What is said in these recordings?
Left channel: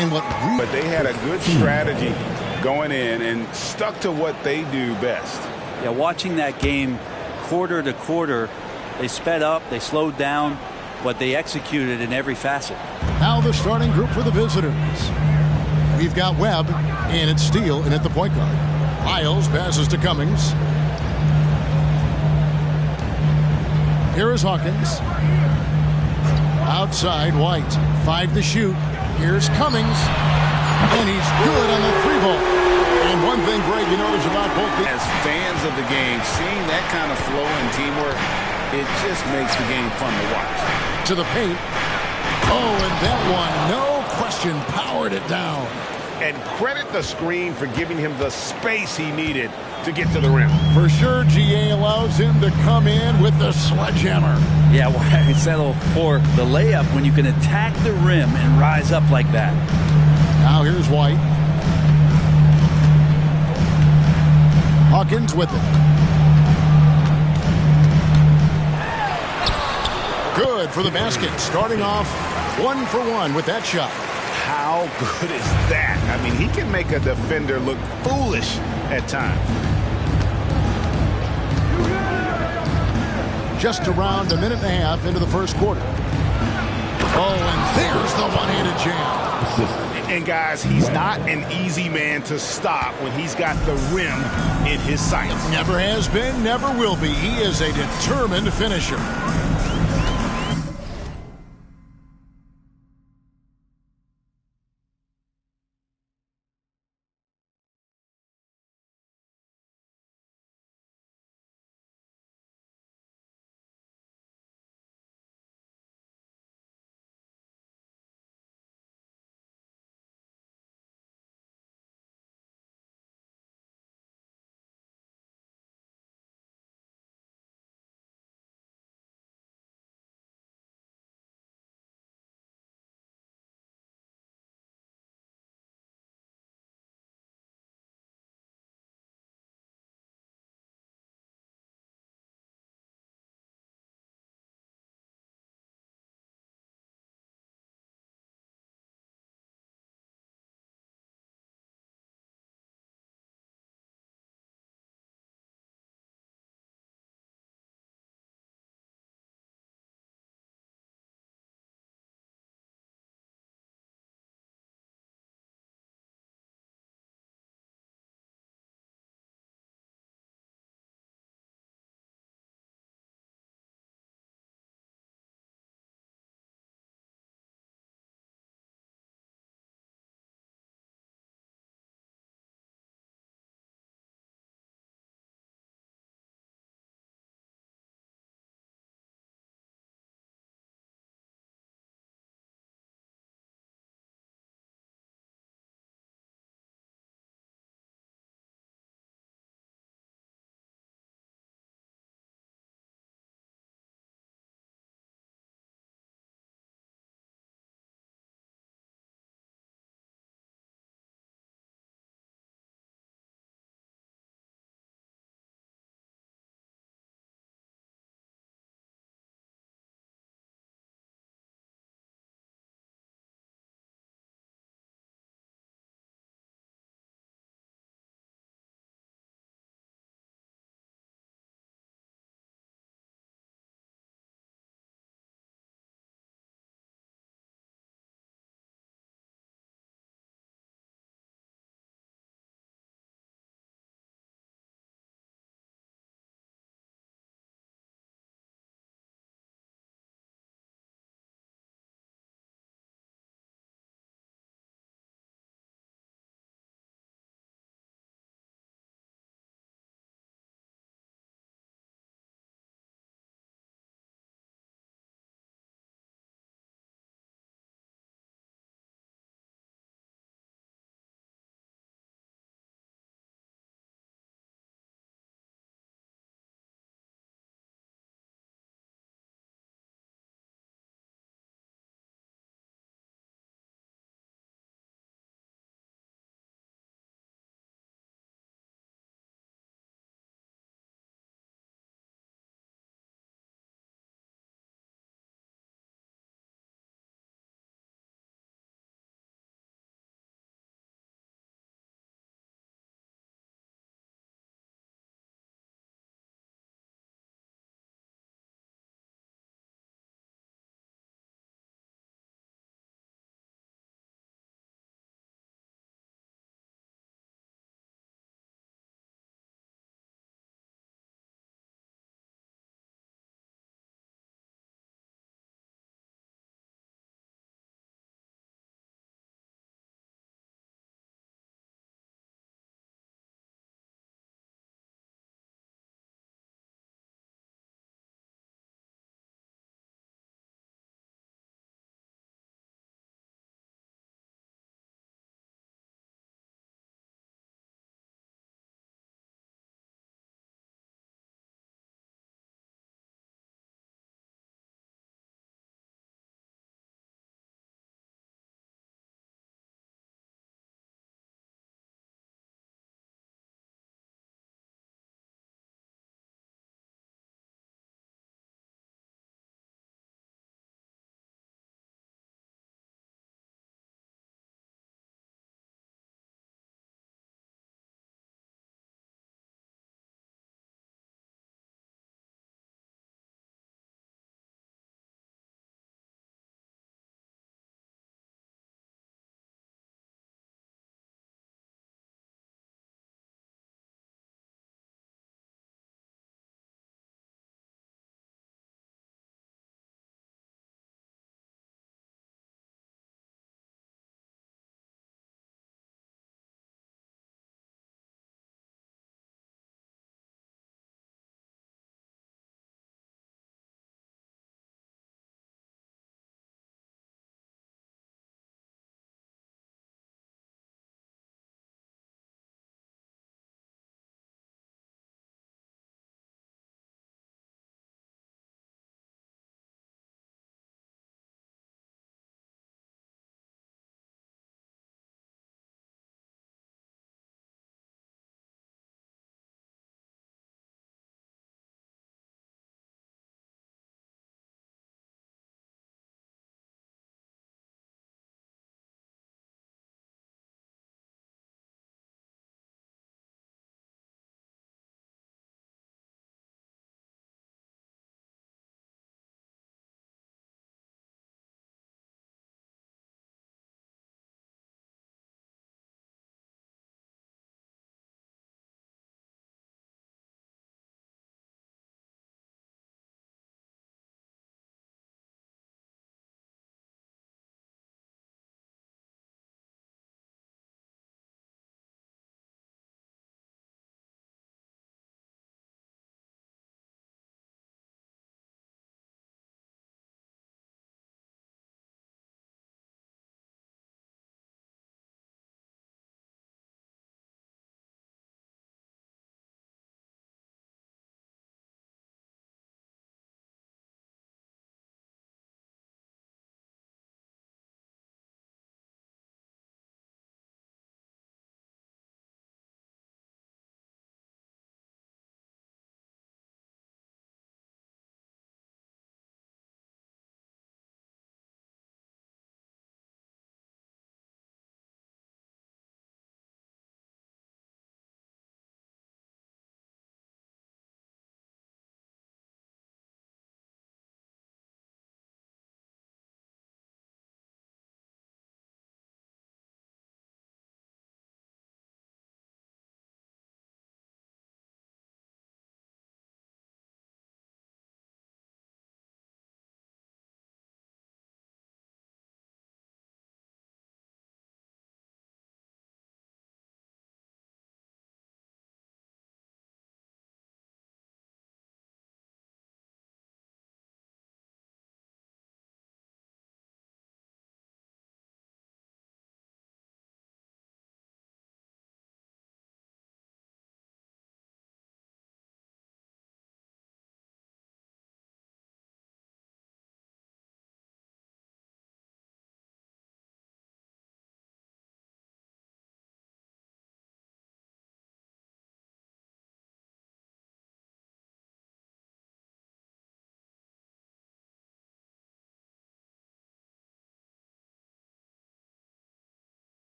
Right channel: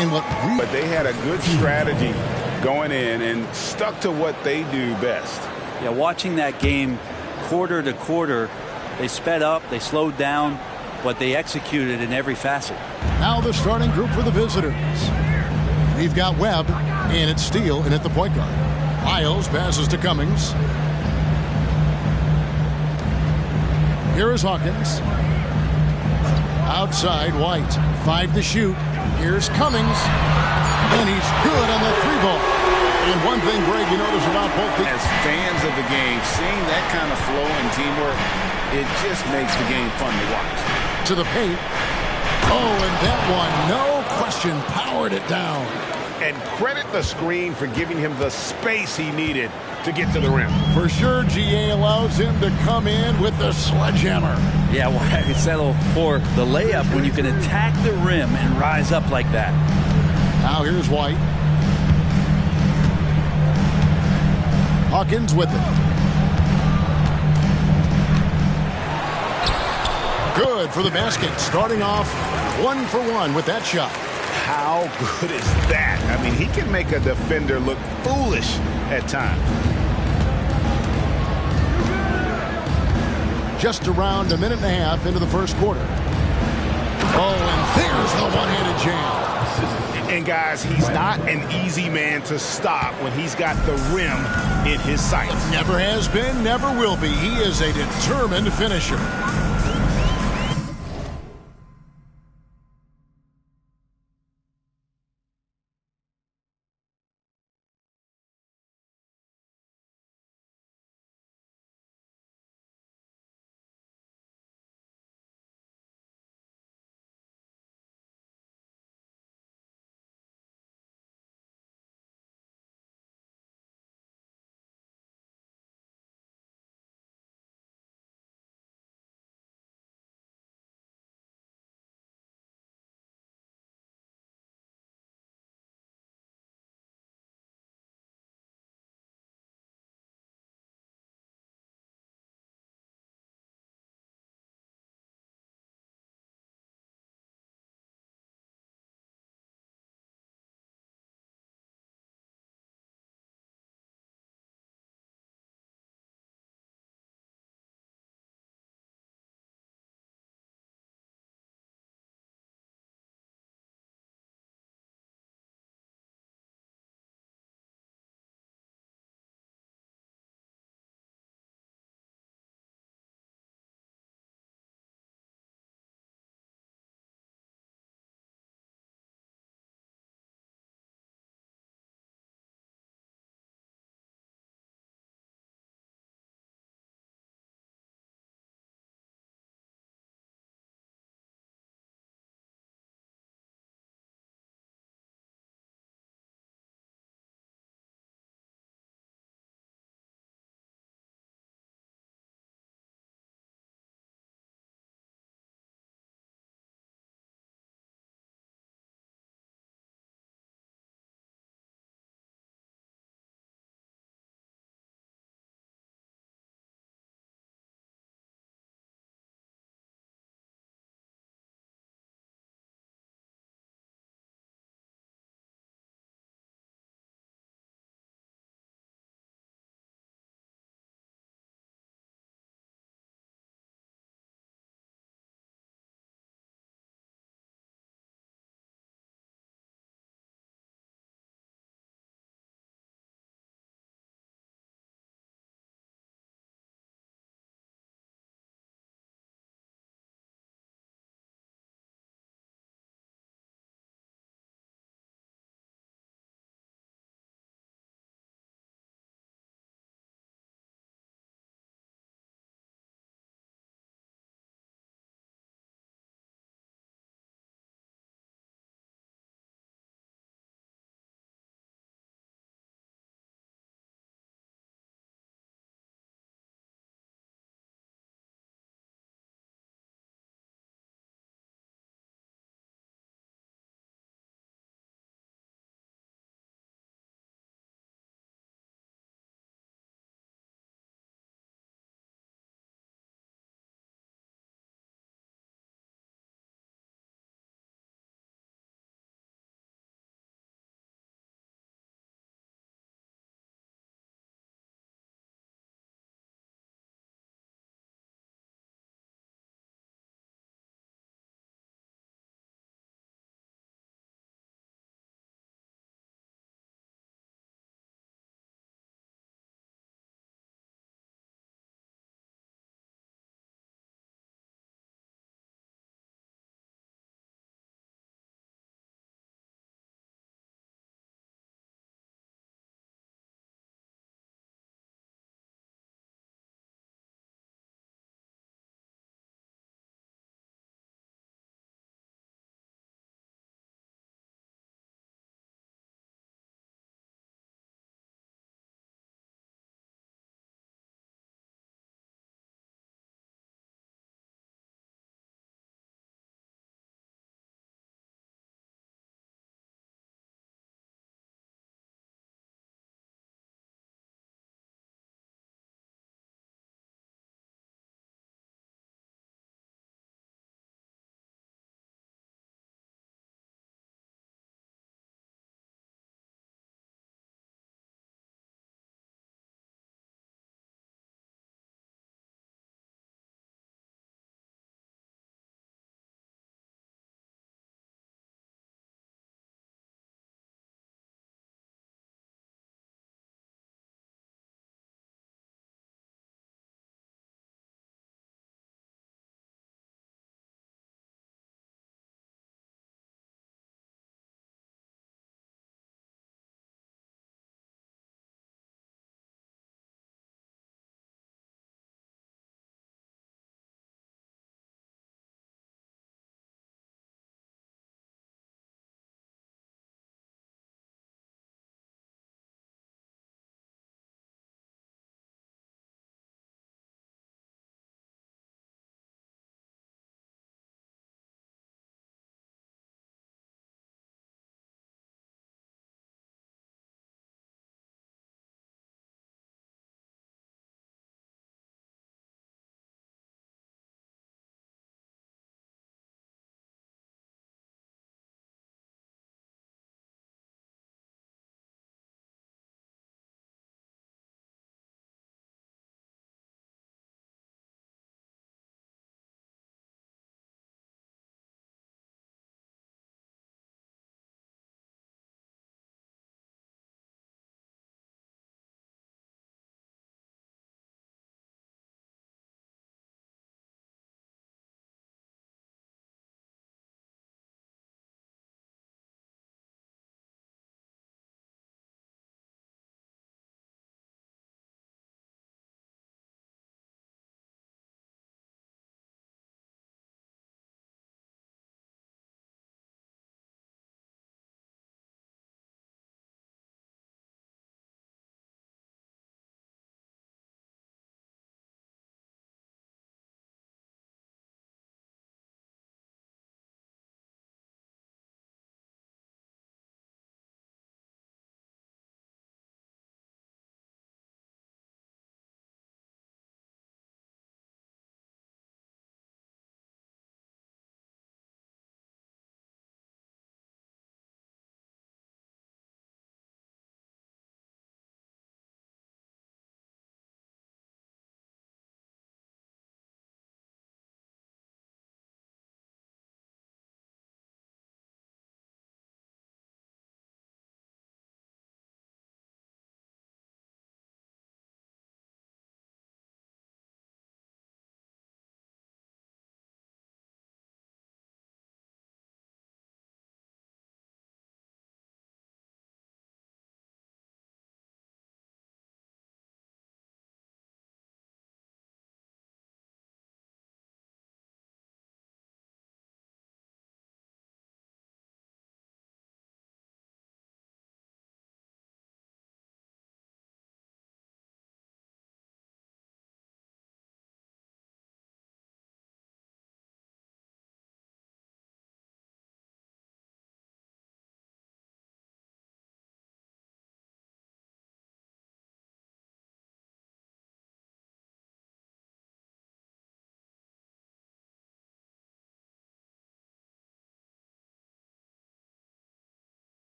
And but they had a good strategy going in and stuck to what they do best. Yeah, watching that game quarter to quarter, they sped up, they slowed down, but they executed in every facet. Now the starting group for the visitors. We've got Webb, and it's Steele, and at the point guard. Lyles passes to Cummings. Here is Hawkins. Outside, White. 5 to shoot. Here's Cummings. And he's good on the 3-ball. And one thing, Greg, you notice about both these. As fans of the game, seeing that kind of flow and teamwork, it just makes the game fun to watch. To the paint. Oh, and that one, no question, powered it down. And credit the screen for giving him the space he needed to get to the rim. For sure, GA allows him to come in with the sledgehammer. Yeah, why settle for the layup when you can attack the rim and rise up like that? Now here's White. Hawkins with it. Good for the basket. Starting off 1 for 1 with that shot. How good is that? I mean, he can make a defender look foolish at times. Just around a minute and a half into the first quarter. Oh, and there's the one-handed jam. And guys, he's not an easy man to stop when he's got the rim in his sights. Never has been, never will be. He is a determined finisher.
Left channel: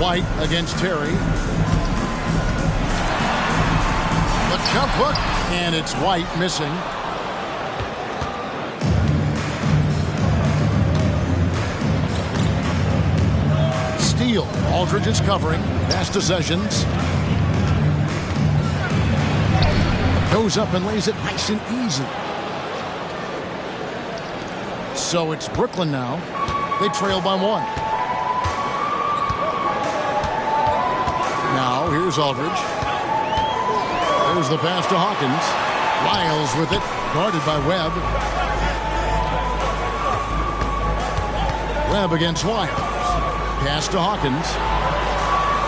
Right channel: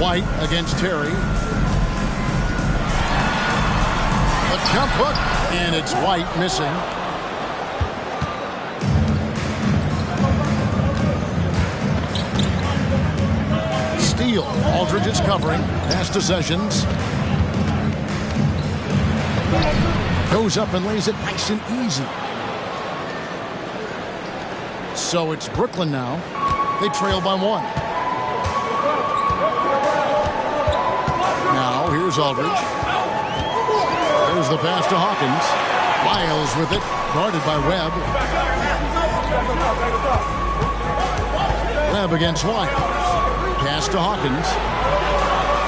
White against Terry. The jump hook, and it's White missing. Steal. Aldridge is covering. Pass to Sessions. Goes up and lays it nice and easy. So it's Brooklyn now. They trail by 1. Now here's Aldridge. There's the pass to Hawkins. Lyles with it. Guarded by Webb. Webb against Lyles. Pass to Hawkins.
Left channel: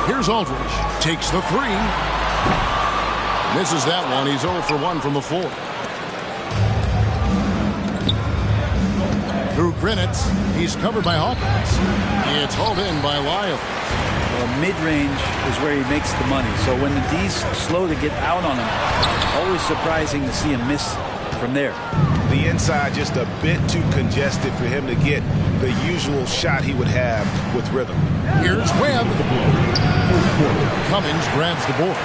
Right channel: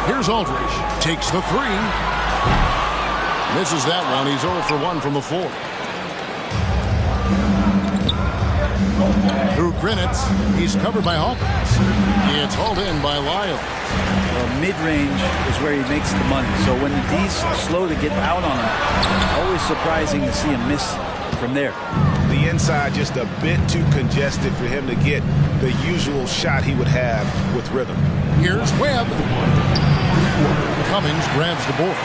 Here's Aldridge. Takes the 3. Misses that one. He's 0 for 1 from the floor. Through Grinitz. He's covered by Hawkins. It's hauled in by Lyles. Well, mid-range is where he makes the money. So when the D's slow to get out on him, always surprising to see him miss from there. The inside just a bit too congested for him to get the usual shot he would have with rhythm. Here's Webb. Cummings grabs the board.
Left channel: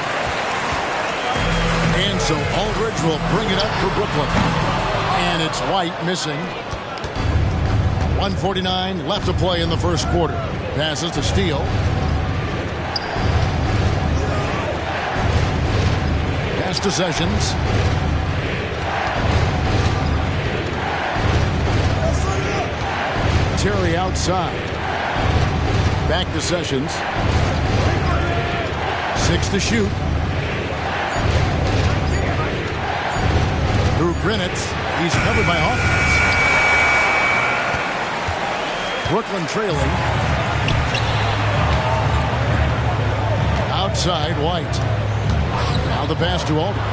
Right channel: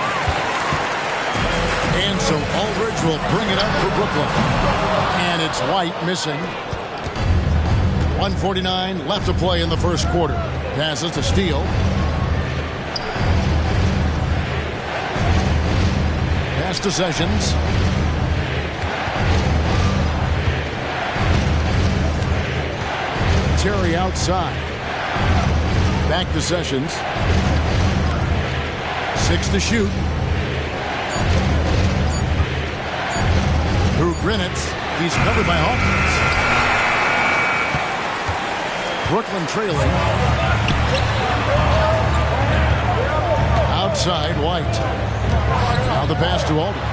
And so Aldridge will bring it up for Brooklyn. And it's White missing. 1:49 left to play in the first quarter. Passes to Steele. Pass to Sessions. Terry outside. Back to Sessions. 6 to shoot. Through Grinitz. He's covered by Hawkins. Brooklyn trailing. Outside, White. Now the pass to Aldridge.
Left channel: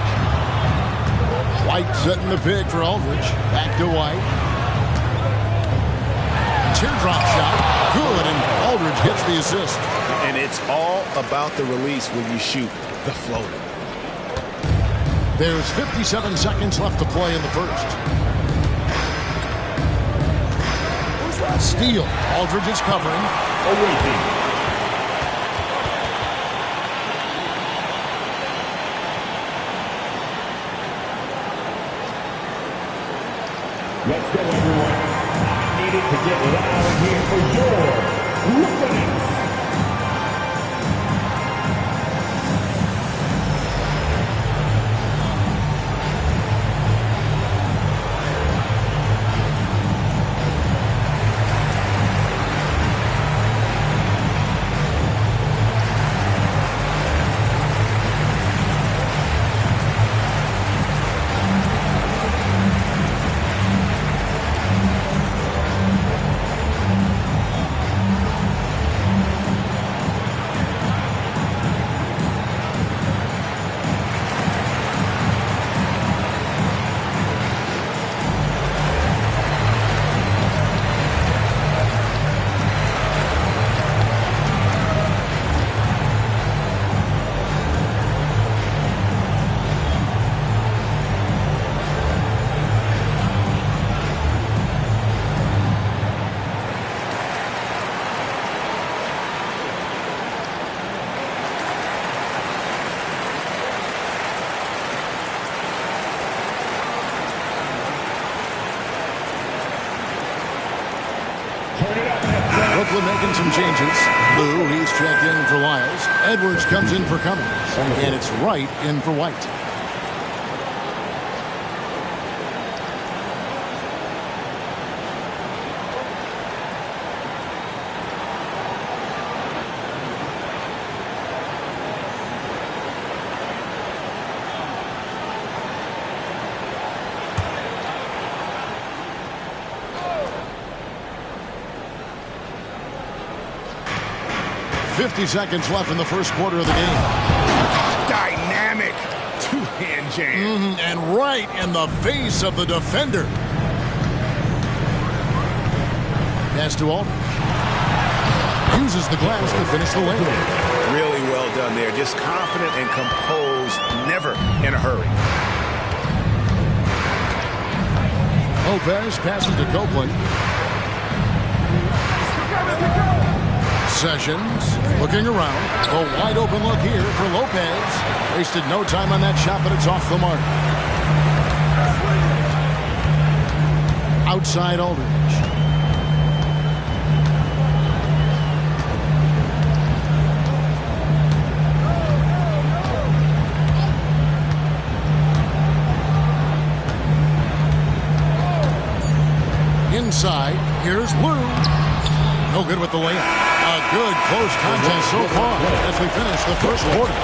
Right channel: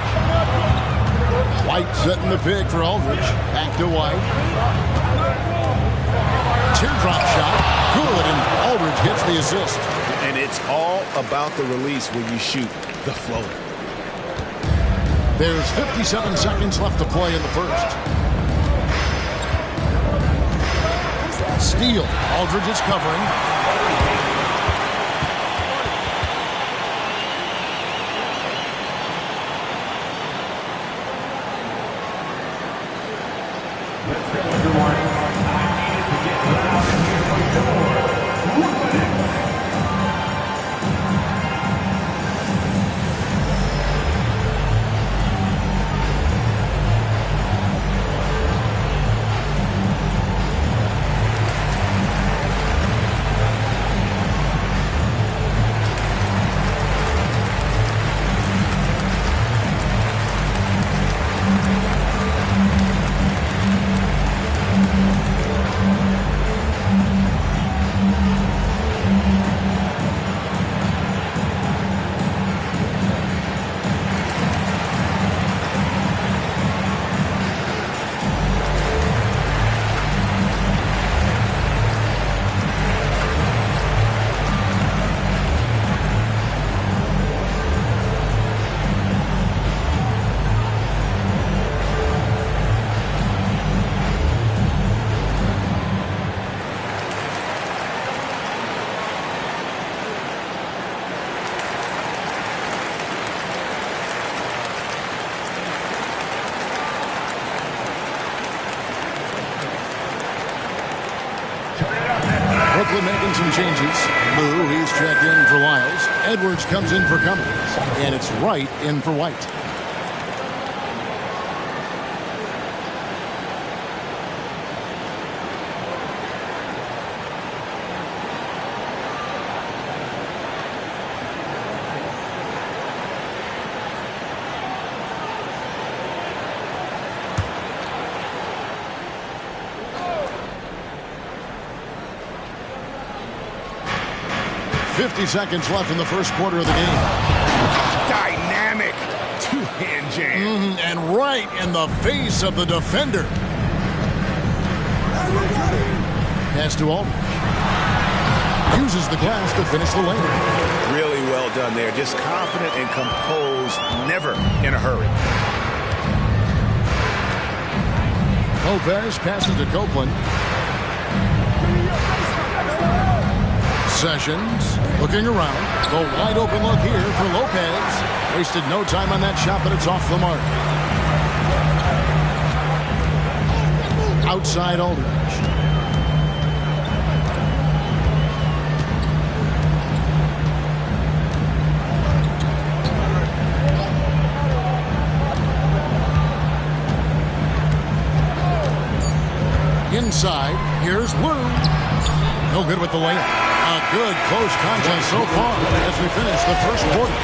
White setting the pick for Aldridge. Back to White. Teardrop shot. Good, and Aldridge gets the assist. And it's all about the release when you shoot the floater. There's 57 seconds left to play in the first. Steele. Aldridge is covering. Let's go, everyone. I needed to get loud here for your Brooklyn. Brooklyn making some changes. Lou, he's checked in for Lyles. Edwards comes in for Cummings. And it's Wright in for White. .50 seconds left in the first quarter of the game. Dynamic two-hand jam. And right in the face of the defender. Pass to Aldridge. Uses the glass to finish the lane. Really well done there. Just confident and composed, never in a hurry. Lopez passes to Copeland. possessions. Looking around. A wide open look here for Lopez. Wasted no time on that shot, but it's off the mark. Outside Aldridge. Inside, here's Lou. No good with the layup. A good close contest so far as we finish the first quarter.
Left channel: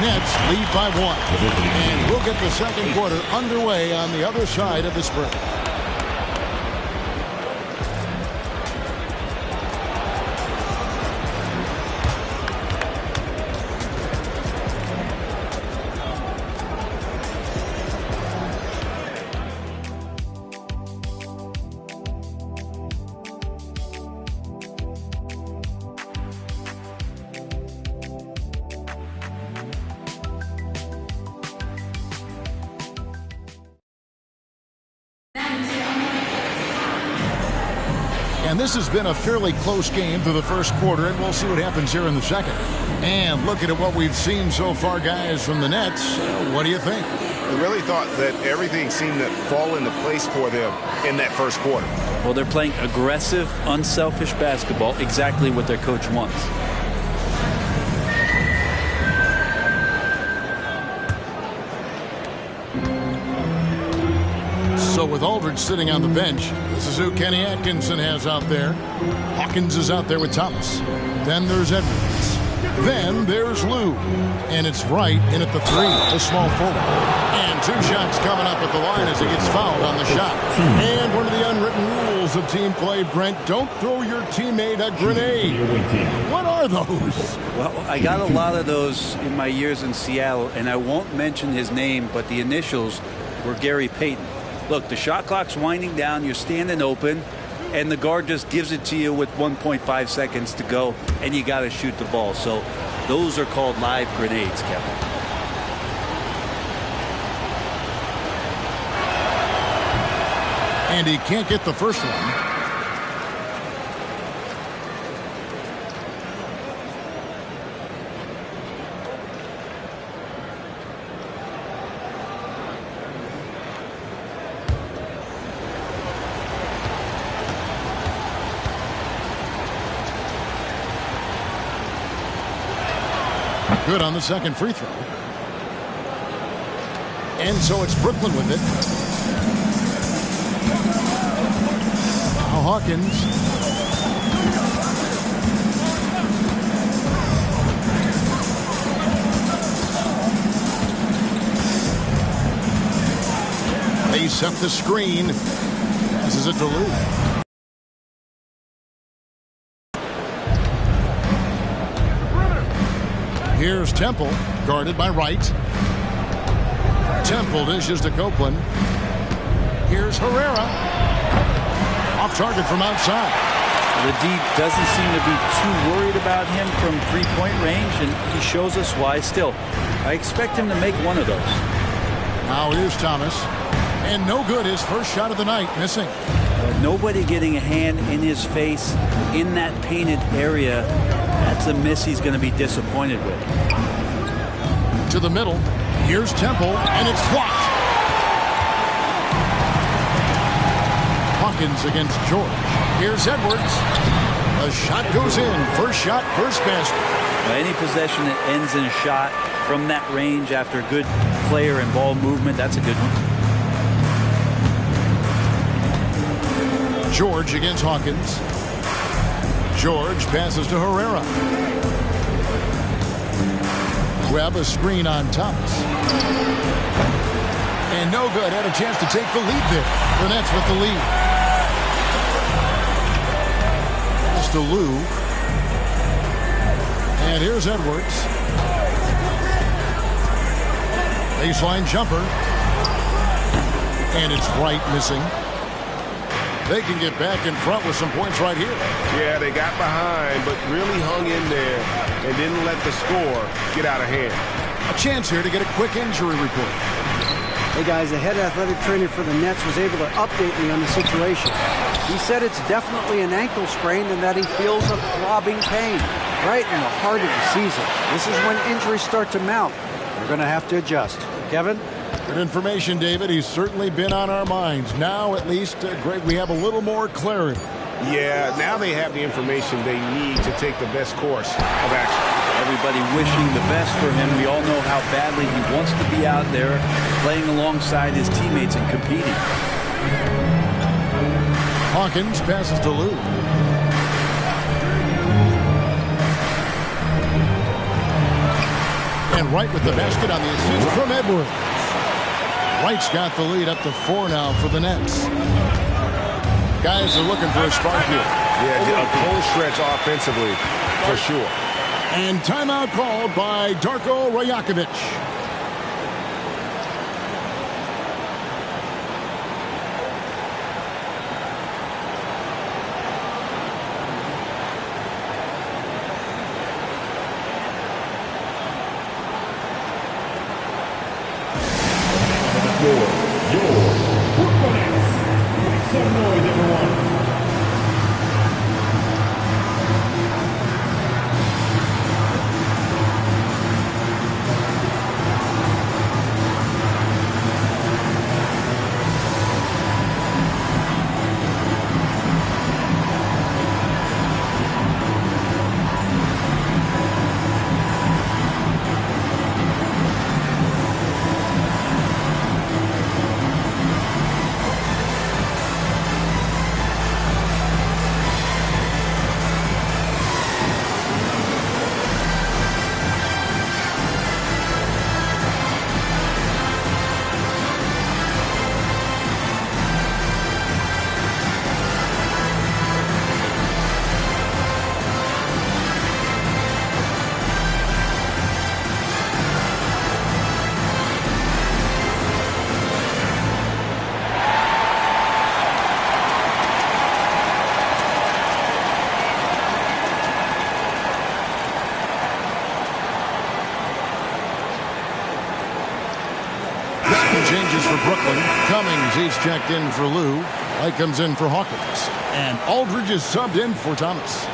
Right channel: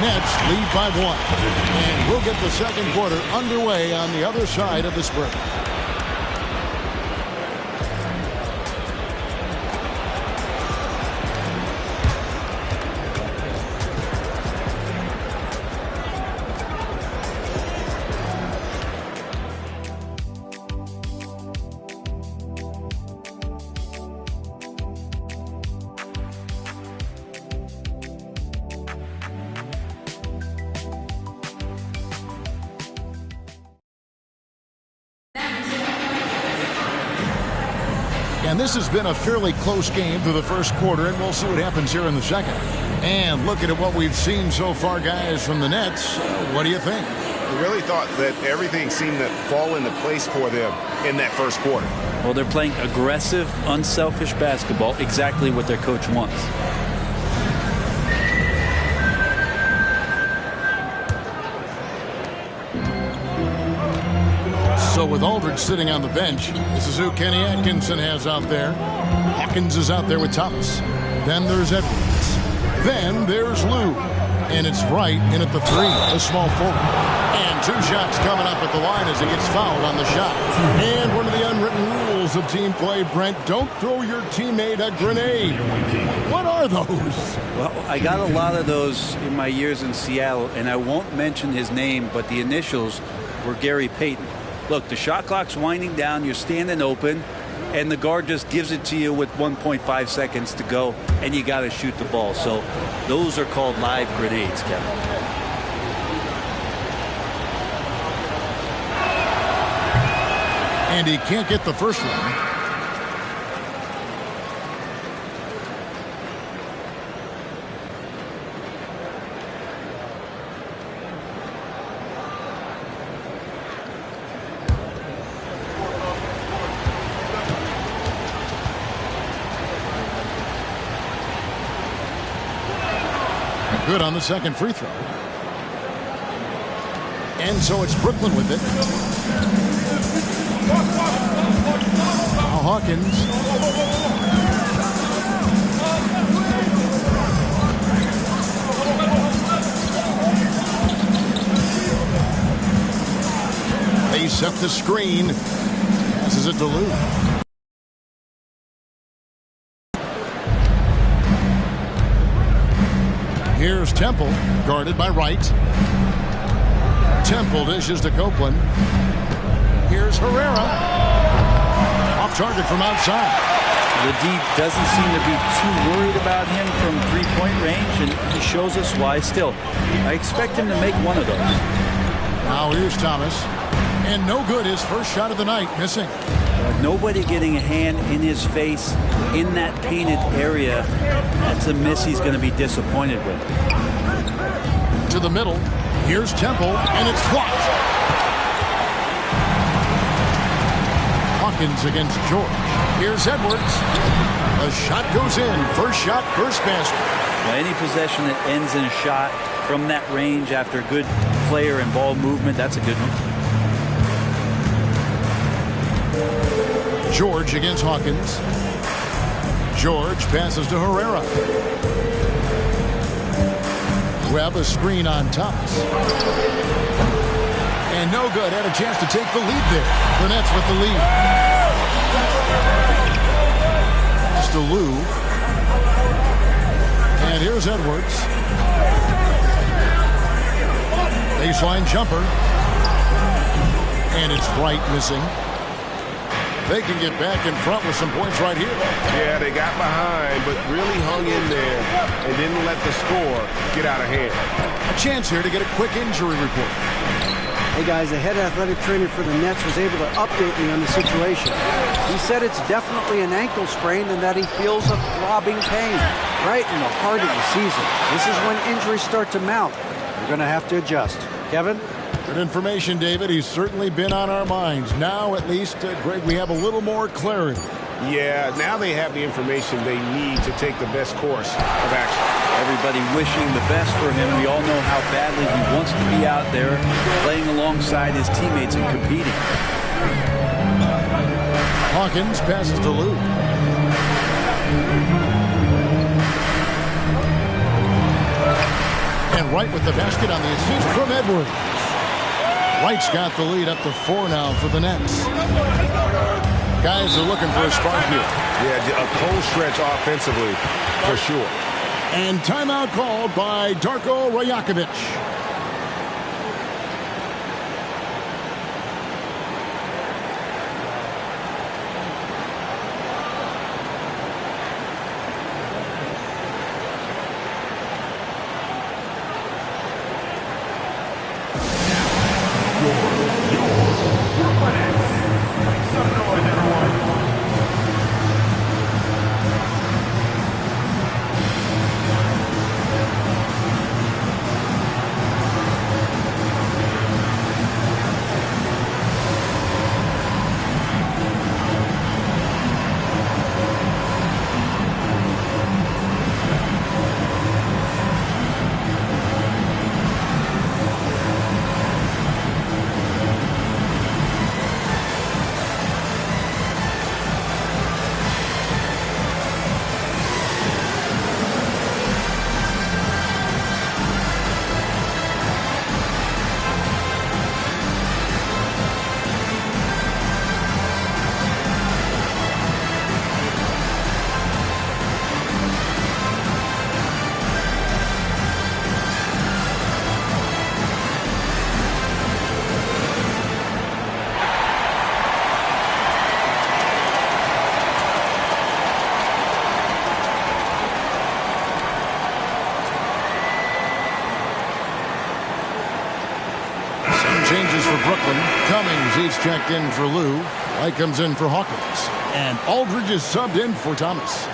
Nets lead by 1. And we'll get the second quarter underway on the other side of this break. And this has been a fairly close game through the first quarter, and we'll see what happens here in the second. And looking at what we've seen so far, guys, from the Nets, what do you think? I really thought that everything seemed to fall into place for them in that first quarter. Well, they're playing aggressive, unselfish basketball, exactly what their coach wants. So with Aldridge sitting on the bench, this is who Kenny Atkinson has out there. Hawkins is out there with Thomas. Then there's Edwards. Then there's Lou. And it's Wright in at the 3, the small forward. And 2 shots coming up at the line as he gets fouled on the shot. And one of the unwritten rules of team play, Brent, don't throw your teammate a grenade. What are those? Well, I got a lot of those in my years in Seattle, and I won't mention his name, but the initials were Gary Payton. Look, the shot clock's winding down, you're standing open, and the guard just gives it to you with 1.5 seconds to go, and you got to shoot the ball. So those are called live grenades, Kevin. And he can't get the first one. Good on the second free throw. And so it's Brooklyn with it. Now Hawkins. They set the screen. Passes it to Lou. Here's Temple, guarded by Wright. Temple dishes to Copeland. Here's Herrera. Off target from outside. The D doesn't seem to be too worried about him from three-point range, and he shows us why. Still, I expect him to make one of those. Now here's Thomas. And no good, his first shot of the night, missing. Nobody getting a hand in his face in that painted area. That's a miss he's going to be disappointed with. To the middle. Here's Temple, and it's blocked. Hawkins against George. Here's Edwards. A shot goes in. First shot, first basket. Well, any possession that ends in a shot from that range after good player and ball movement, that's a good one. George against Hawkins. George passes to Herrera. Webb a screen on Thomas. And no good. Had a chance to take the lead there. The Nets with the lead. Pass to Lou. And here's Edwards. Baseline jumper. And it's Wright missing. They can get back in front with some points right here. Yeah, they got behind, but really hung in there and didn't let the score get out of hand. A chance here to get a quick injury report. Hey guys, the head athletic trainer for the Nets was able to update me on the situation. He said it's definitely an ankle sprain and that he feels a throbbing pain right in the heart of the season. This is when injuries start to mount. You're going to have to adjust. Kevin? Good information, David. He's certainly been on our minds. Now, at least, Greg, we have a little more clarity. Yeah, now they have the information they need to take the best course of action. Everybody wishing the best for him. We all know how badly he wants to be out there playing alongside his teammates and competing. Hawkins passes to Lou. And Wright with the basket on the assist from Edwards. Wright's got the lead up to 4 now for the Nets. Guys are looking for a spark here. Yeah, a cold stretch offensively, for sure. And timeout called by Darko Rajakovic. Changes for Brooklyn. Cummings, he's checked in for Lou. White comes in for Hawkins. And Aldridge is subbed in for Thomas.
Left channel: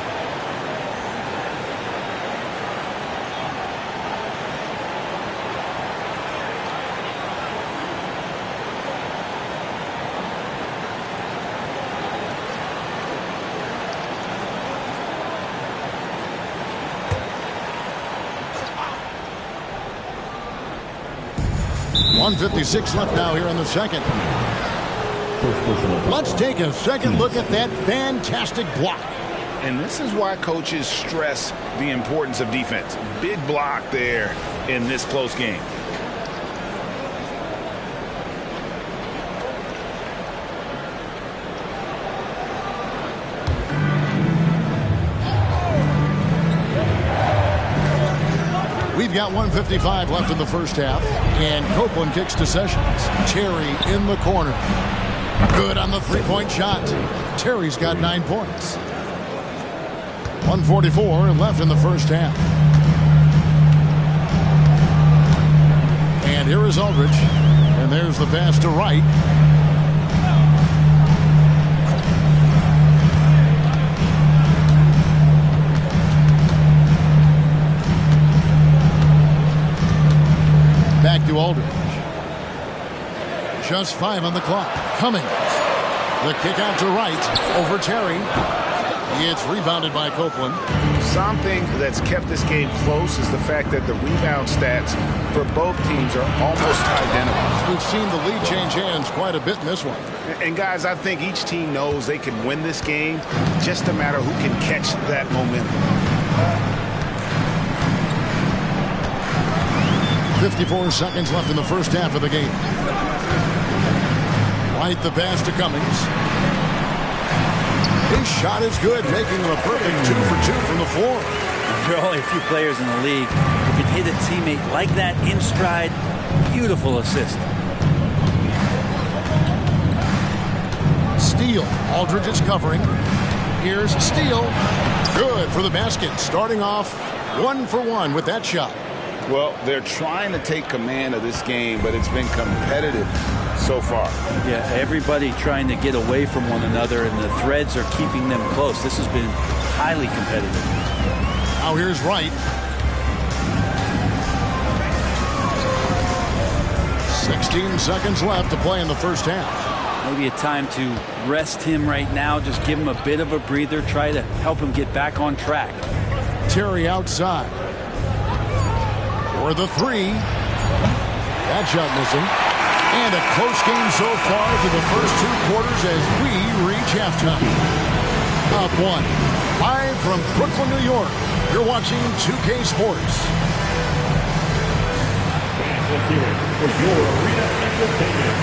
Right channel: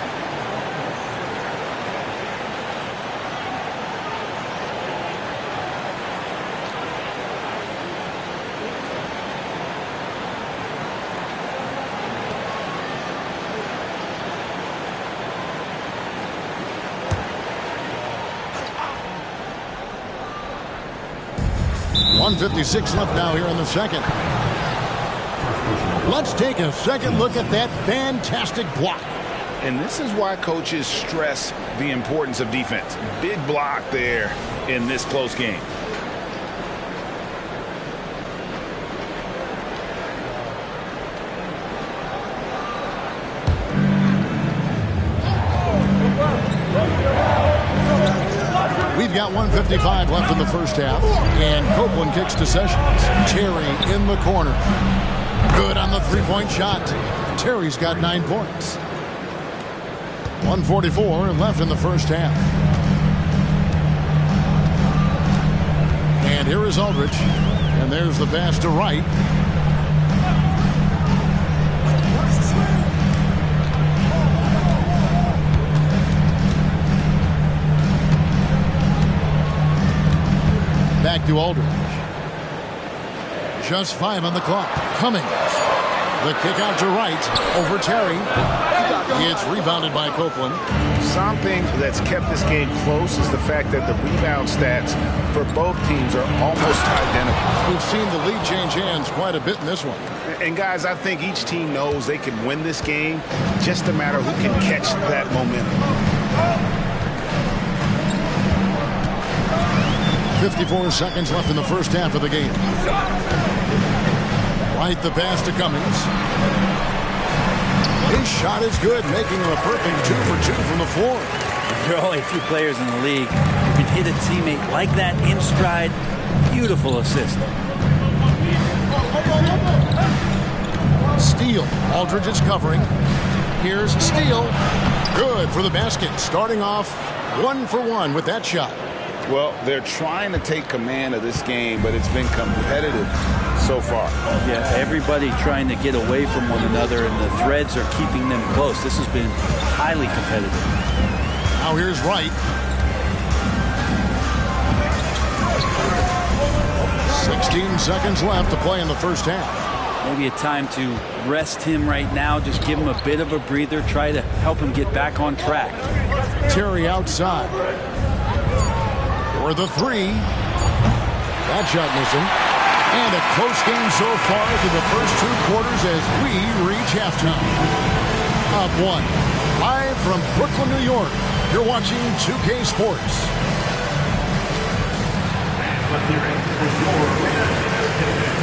.156 left now here in the second. Let's take a second look at that fantastic block. And this is why coaches stress the importance of defense. Big block there in this close game. We've got 1:55 left in the first half, and Copeland kicks to Sessions. Terry in the corner. Good on the three-point shot. Terry's got 9 points. 1:44 left in the first half. And here is Aldridge. And there's the pass to Wright. Back to Aldridge. Just 5 on the clock. Cummings. The kick out to Wright over Terry. It's rebounded by Copeland. Something that's kept this game close is the fact that the rebound stats for both teams are almost identical. We've seen the lead change hands quite a bit in this one. And guys, I think each team knows they can win this game, just a matter who can catch that momentum. 54 seconds left in the first half of the game. Wright the pass to Cummings. His shot is good, making him a perfect 2 for 2 from the floor. There are only a few players in the league who can hit a teammate like that in stride. Beautiful assist. Steele. Aldridge is covering. Here's Steele. Good for the basket. Starting off 1 for 1 with that shot. Well, they're trying to take command of this game, but it's been competitive so far. Yeah, everybody trying to get away from one another, and the threads are keeping them close. This has been highly competitive. Now here's Wright. 16 seconds left to play in the first half. Maybe a time to rest him right now, just give him a bit of a breather, try to help him get back on track. Terry outside. For the three. That shot missing. And a close game so far through the first 2 quarters as we reach halftime. Up 1. Live from Brooklyn, New York. You're watching 2K Sports. And let's hear it for your arena entertainment.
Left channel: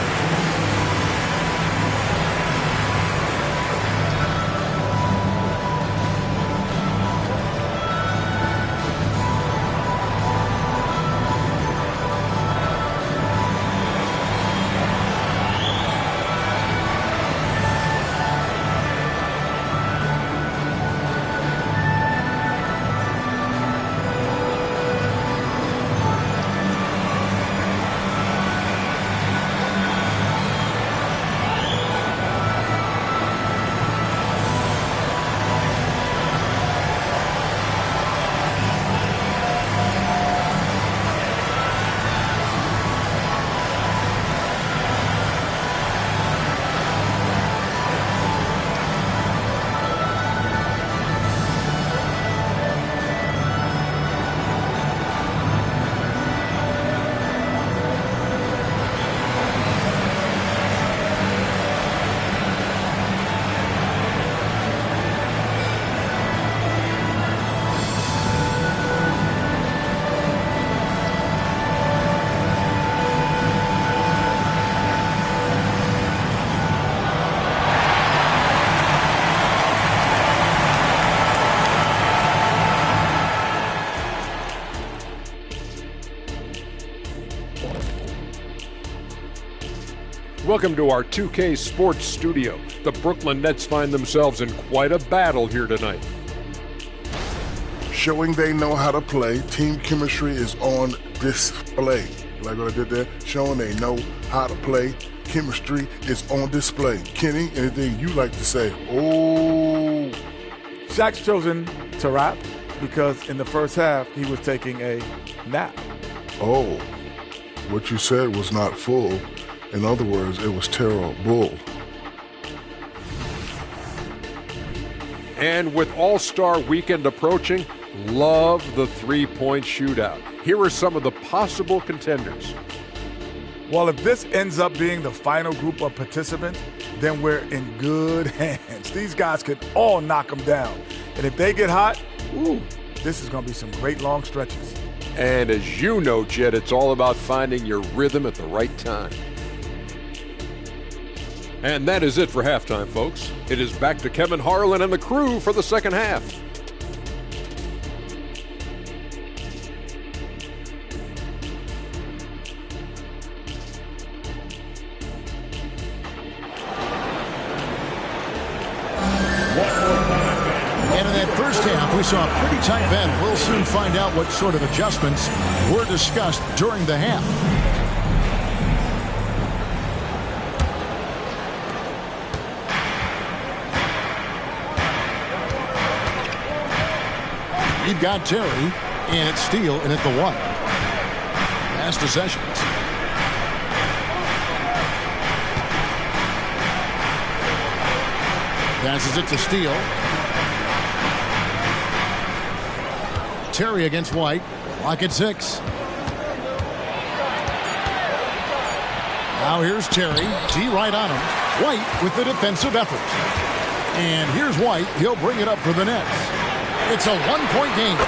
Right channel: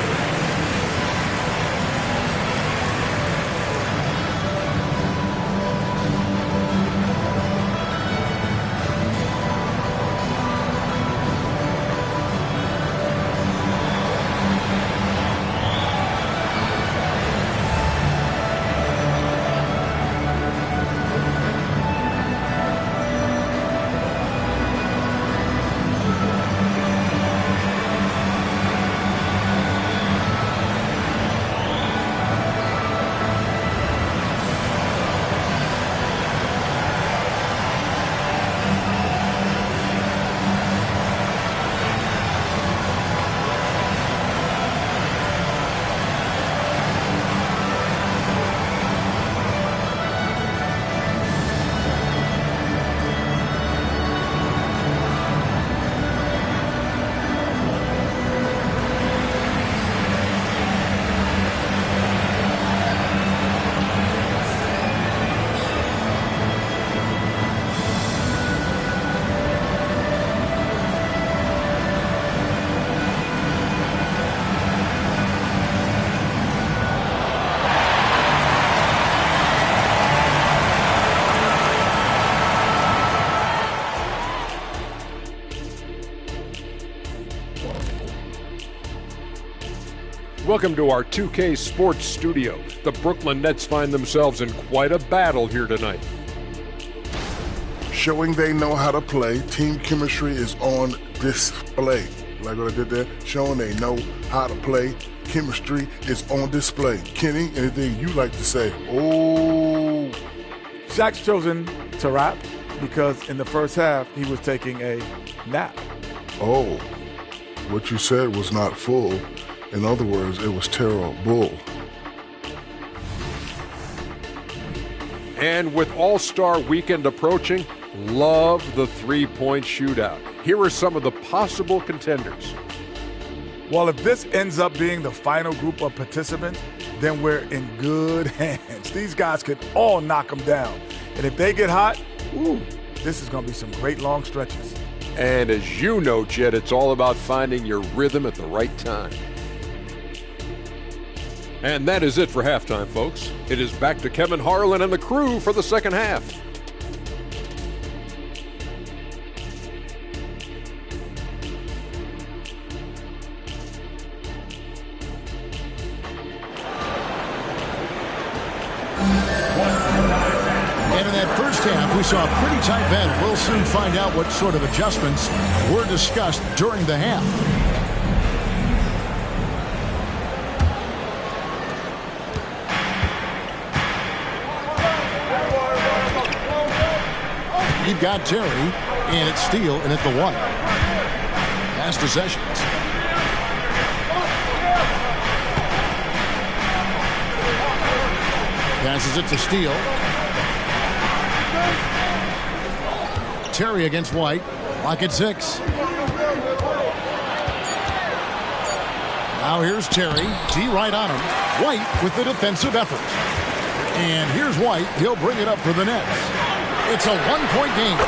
Welcome to our 2K Sports studio. The Brooklyn Nets find themselves in quite a battle here tonight. Showing they know how to play, team chemistry is on display. Like what I did there? Showing they know how to play, chemistry is on display. Kenny, anything you like to say? Oh. Shaq's chosen to rap because in the first half he was taking a nap. Oh. What you said was not full. In other words, it was terrible. And with All-Star Weekend approaching, love the three-point shootout. Here are some of the possible contenders. Well, if this ends up being the final group of participants, then we're in good hands. These guys could all knock them down. And if they get hot, this is going to be some great long stretches. And as you know, Jed, it's all about finding your rhythm at the right time. And that is it for halftime, folks. It is back to Kevin Harlan and the crew for the second half. And in that first half, we saw a pretty tight battle. We'll soon find out what sort of adjustments were discussed during the half. You've got Terry, and it's Steele, and at the 1. Pass to Sessions. Passes it to Steele. Terry against White. Clock at 6. Now here's Terry. T right on him. White with the defensive effort. And here's White. He'll bring it up for the Nets. It's a one-point game.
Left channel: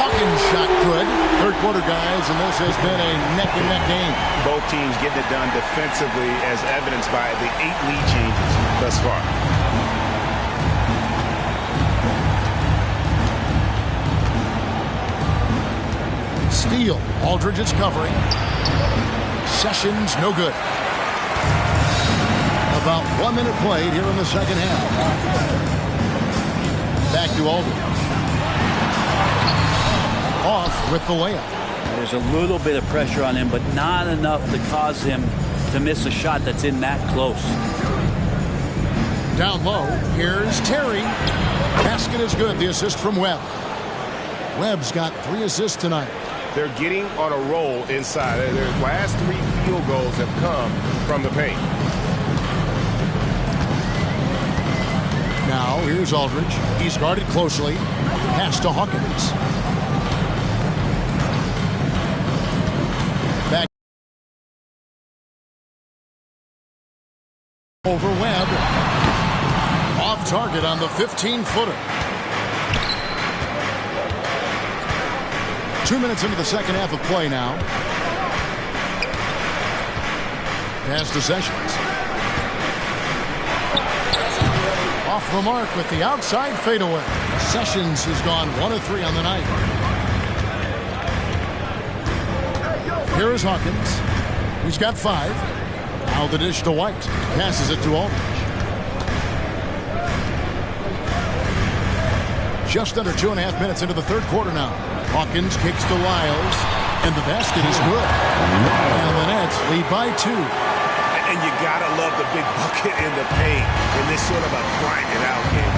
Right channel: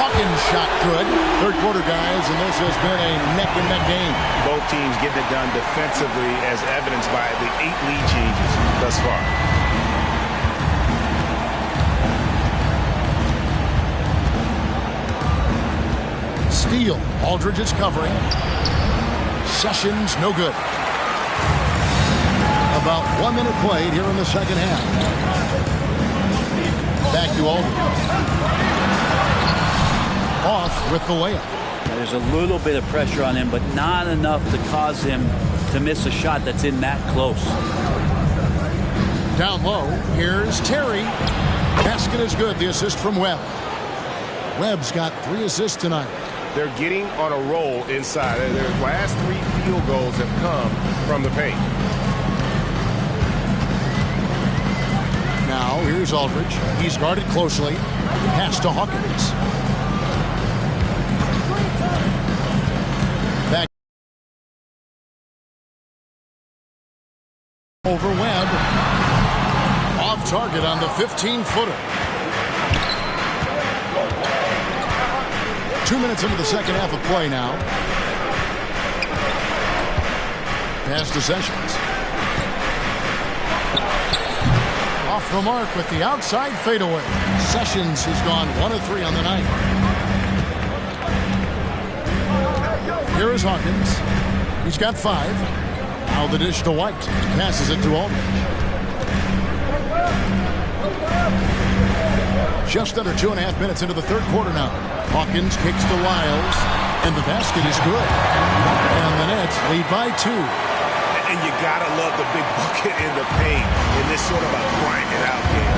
Hawkins shot good. Third quarter, guys, and this has been a neck-and-neck game. Both teams getting it done defensively as evidenced by the 8 lead changes thus far. Steele. Aldridge is covering. Sessions, no good. About 1 minute played here in the second half. Back to Aldridge. Off with the layup. There's a little bit of pressure on him, but not enough to cause him to miss a shot that's in that close. Down low, here's Terry. Basket is good. The assist from Webb. Webb's got 3 assists tonight. They're getting on a roll inside. Their last 3 field goals have come from the paint. Now, here's Aldridge. He's guarded closely. Pass to Hawkins. Back over Webb. Off target on the 15-footer. 2 minutes into the second half of play now. Pass to Sessions. Off the mark with the outside fadeaway. Sessions has gone 1 of 3 on the night. Here is Hawkins. He's got 5. Now the dish to White. Passes it to Aldridge. Just under 2.5 minutes into the third quarter now. Hawkins kicks to Lyles, and the basket is good. And the Nets lead by 2. And you gotta love the big bucket in the paint in this sort of a grind-it-out game.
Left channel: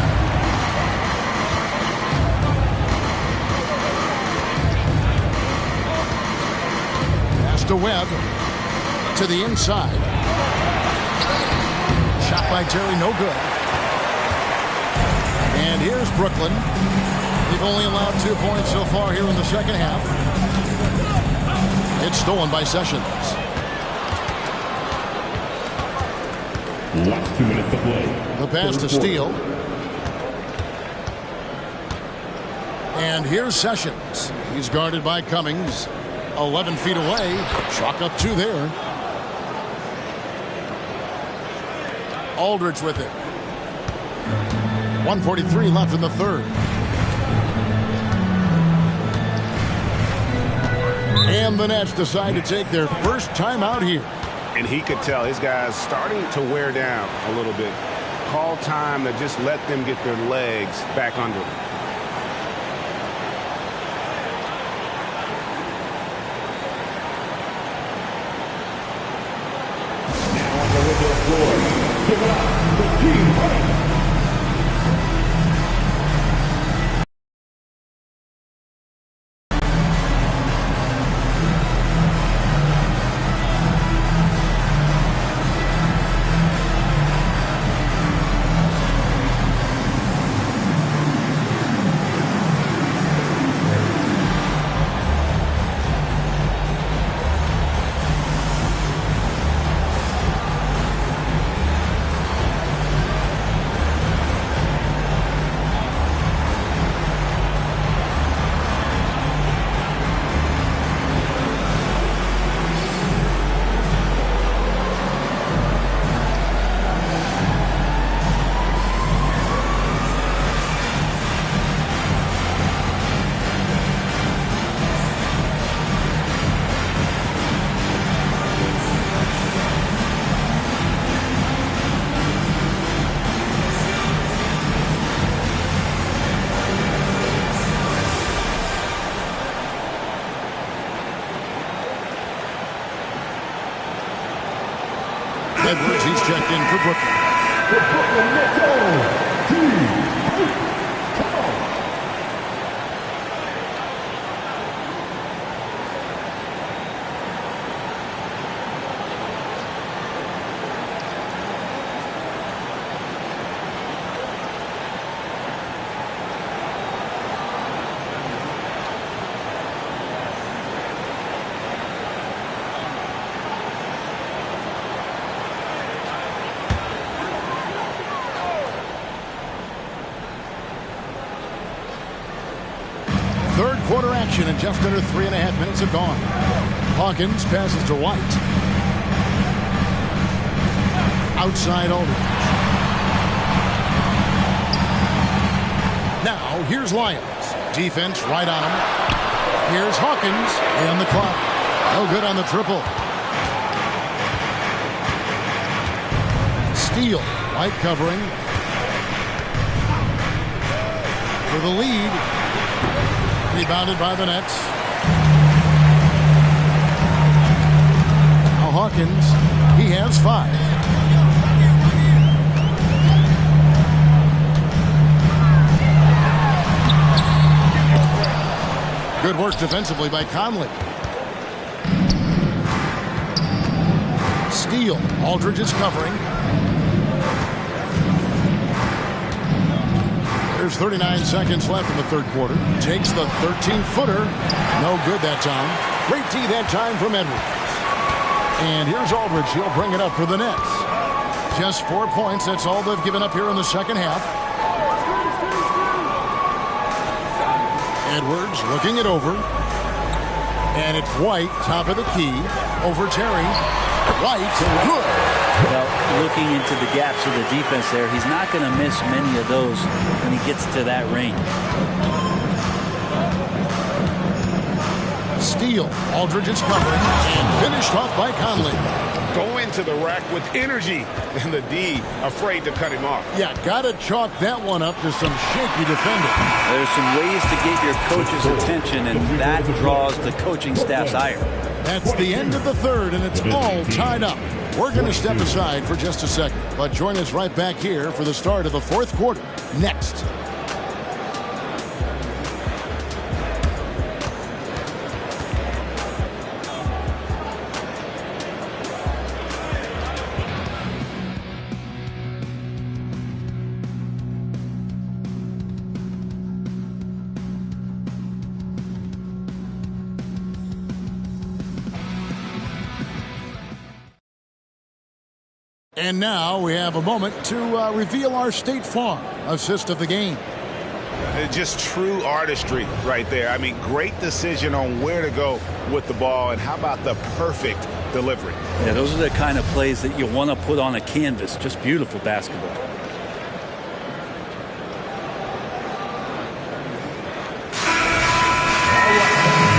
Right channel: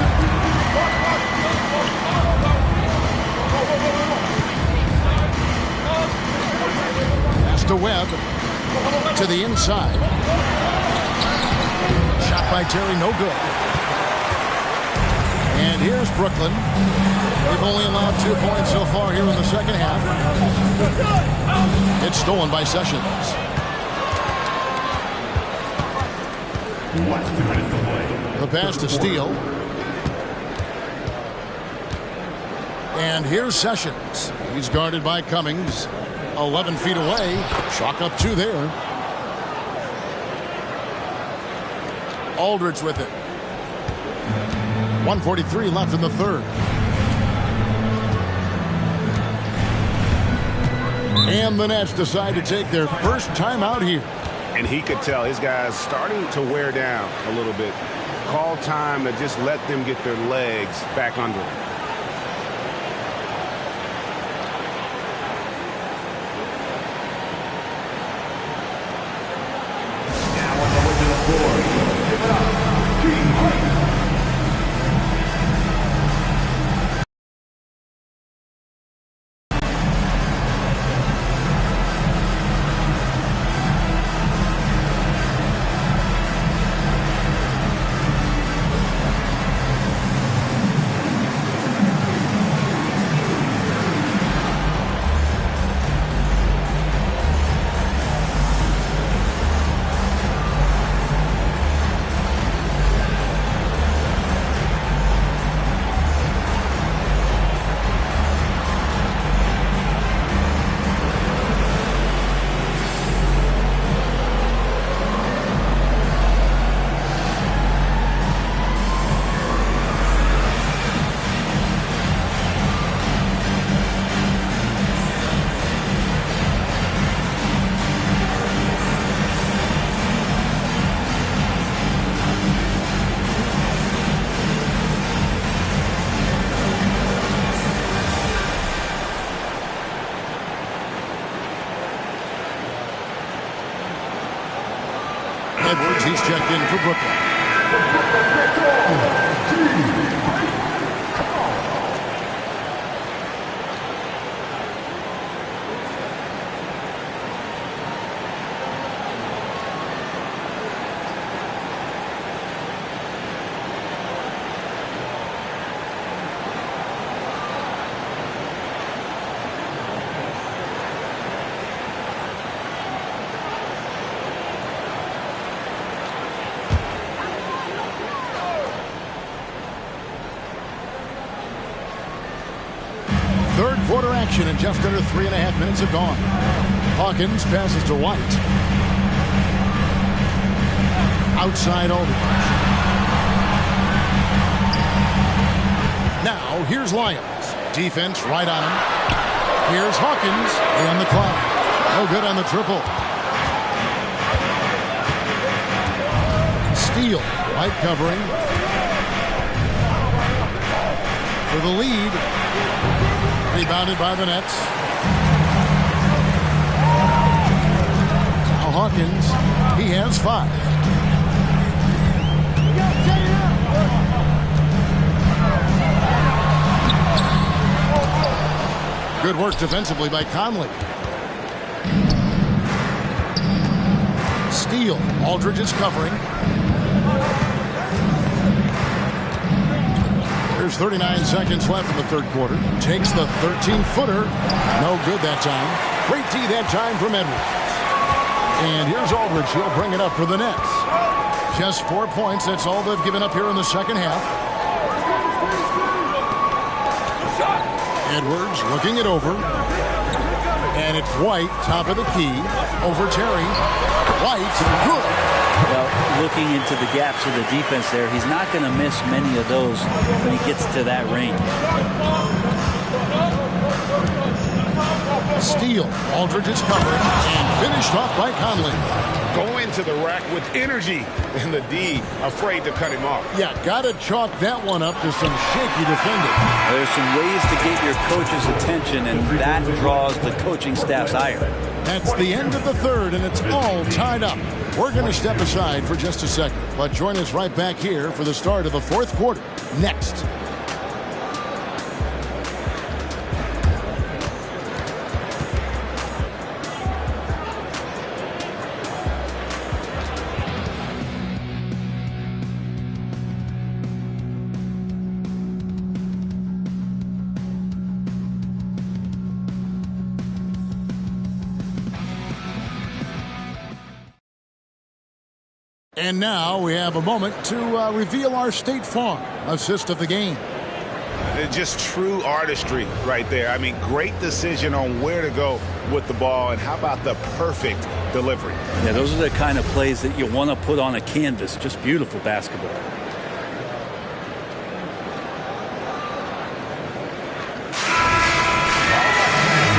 Pass to Webb. To the inside. Shot by Terry, no good. And here's Brooklyn. They've only allowed 2 points so far here in the second half. It's stolen by Sessions. Last 2 minutes to play. The pass to Steele. And here's Sessions. He's guarded by Cummings. 11 feet away. Chalk up 2 there. Aldridge with it. 1:43 left in the third. And the Nets decide to take their first time out here. And he could tell his guys starting to wear down a little bit. Call time to just let them get their legs back under them. Now on the way to the floor. Give it up for Team White. Edwards, he's checked in for Brooklyn. The Brooklyn Nets are Team White. Come on. Third quarter action, and just under 3.5 minutes have gone. Hawkins passes to White. Outside Aldridge. Now, here's Lyons. Defense right on him. Here's Hawkins and the clock. No good on the triple. Steele. White covering. For the lead. Rebounded by the Nets. Hawkins, he has 5. Good work defensively by Conley. Steal. Aldridge is covering. There's 39 seconds left in the third quarter. Takes the 13-footer. No good that time. Great D that time from Edwards. And here's Aldridge. He'll bring it up for the Nets. Just 4 points. That's all they've given up here in the second half. Edwards looking it over. And it's White, top of the key, over Terry. White, good. Well, looking into the gaps of the defense there, he's not going to miss many of those when he gets to that range. Steal. Aldridge is covering and finished off by Conley. Go into the rack with energy, and the D afraid to cut him off. Yeah, got to chalk that one up to some shaky defending. There's some ways to get your coach's attention, and that draws the coaching staff's ire. That's the end of the third, and it's all tied up. We're going to step aside for just a second, but join us right back here for the start of the fourth quarter next. And now we have a moment to reveal our State Farm assist of the game. Just true artistry right there. I mean, great decision on where to go with the ball, and how about the perfect delivery? Yeah, those are the kind of plays that you want to put on a canvas. Just beautiful basketball.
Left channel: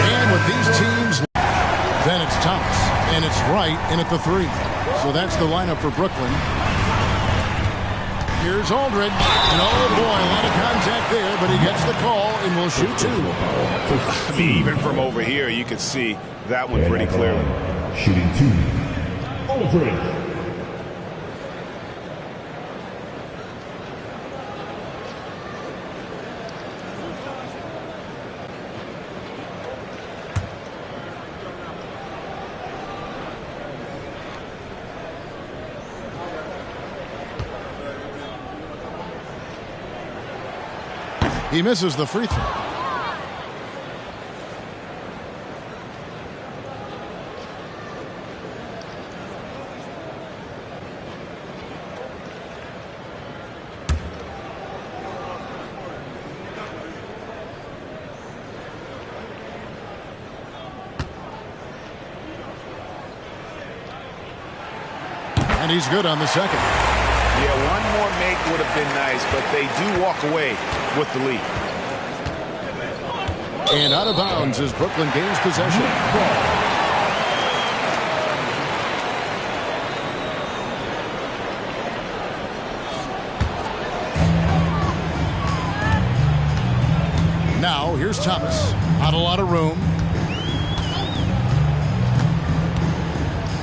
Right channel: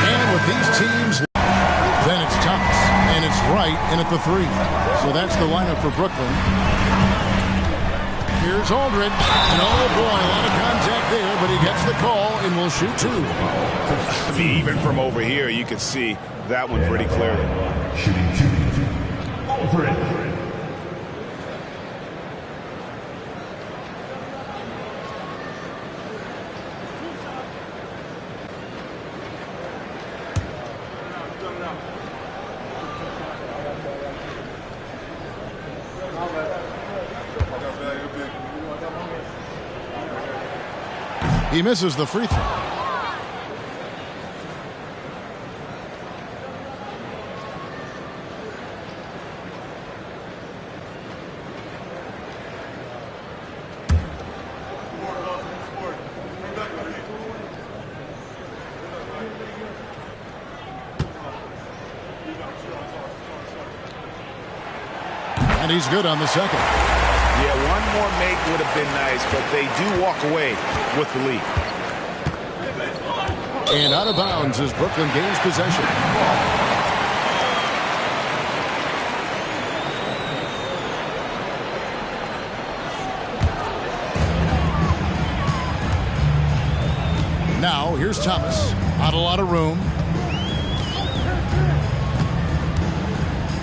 And with these teams, then it's Thomas, and it's right in at the 3. So that's the lineup for Brooklyn. Here's Aldridge. And oh boy, a lot of contact there, but he gets the call and will shoot 2. I mean, even from over here, you could see that one pretty clearly. Shooting 2, Aldridge. He misses the free throw. And he's good on the second. Yeah, one more make would have been nice, but they do walk away with the lead. And out of bounds as Brooklyn gains possession. Now, here's Thomas. Not a lot of room.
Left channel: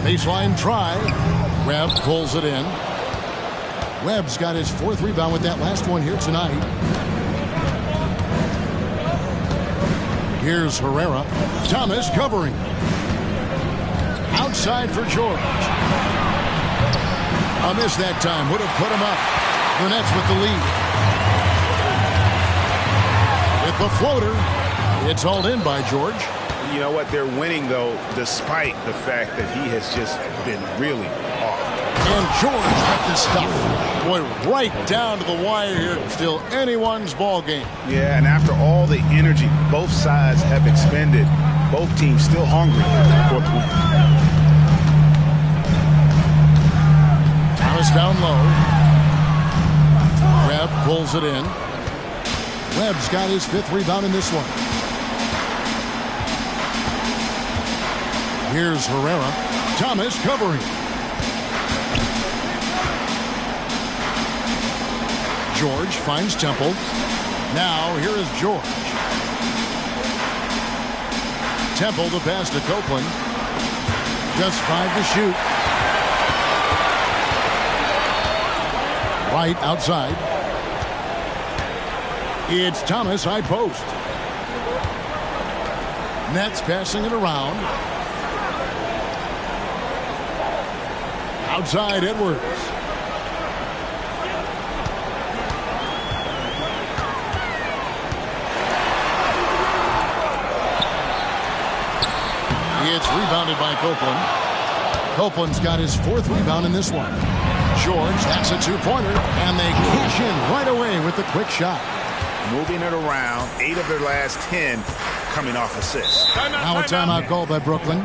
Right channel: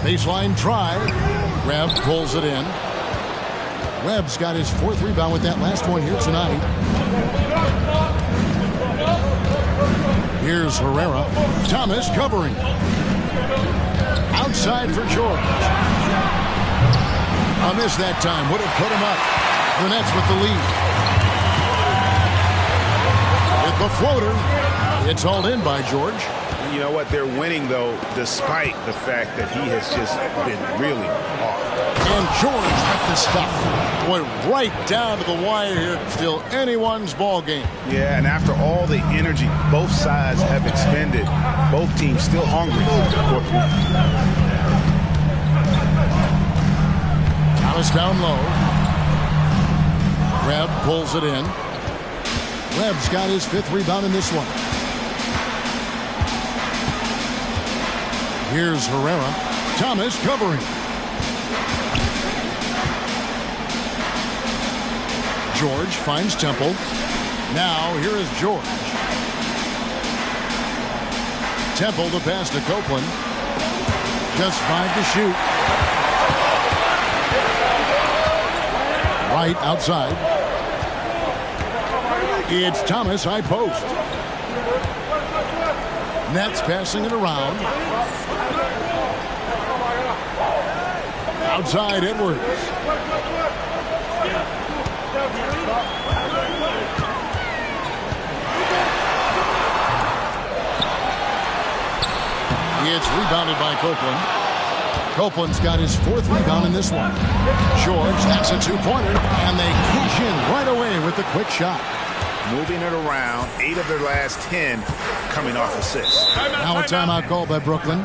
Baseline try. Webb pulls it in. Webb's got his 4th rebound with that last one here tonight. Here's Herrera. Thomas covering. Outside for George. A miss that time. Would have put him up. The Nets with the lead. With the floater. It's hauled in by George. You know what? They're winning, though, despite the fact that he has just been really off. And George with the stuff. Boy, right down to the wire here. Still anyone's ball game. Yeah, and after all the energy both sides have expended, both teams still hungry for the win. Thomas down low. Webb pulls it in. Webb's got his 5th rebound in this one. Here's Herrera. Thomas covering. George finds Temple. Now here is George. Temple the pass to Copeland. Just 5 to shoot. Right outside. It's Thomas, high post. Nets passing it around. Outside Edwards. It's rebounded by Copeland. Copeland's got his 4th rebound in this one. George, that's a 2-pointer, and they cash in right away with the quick shot. Moving it around, 8 of their last 10 coming off assists. Now a timeout called by Brooklyn.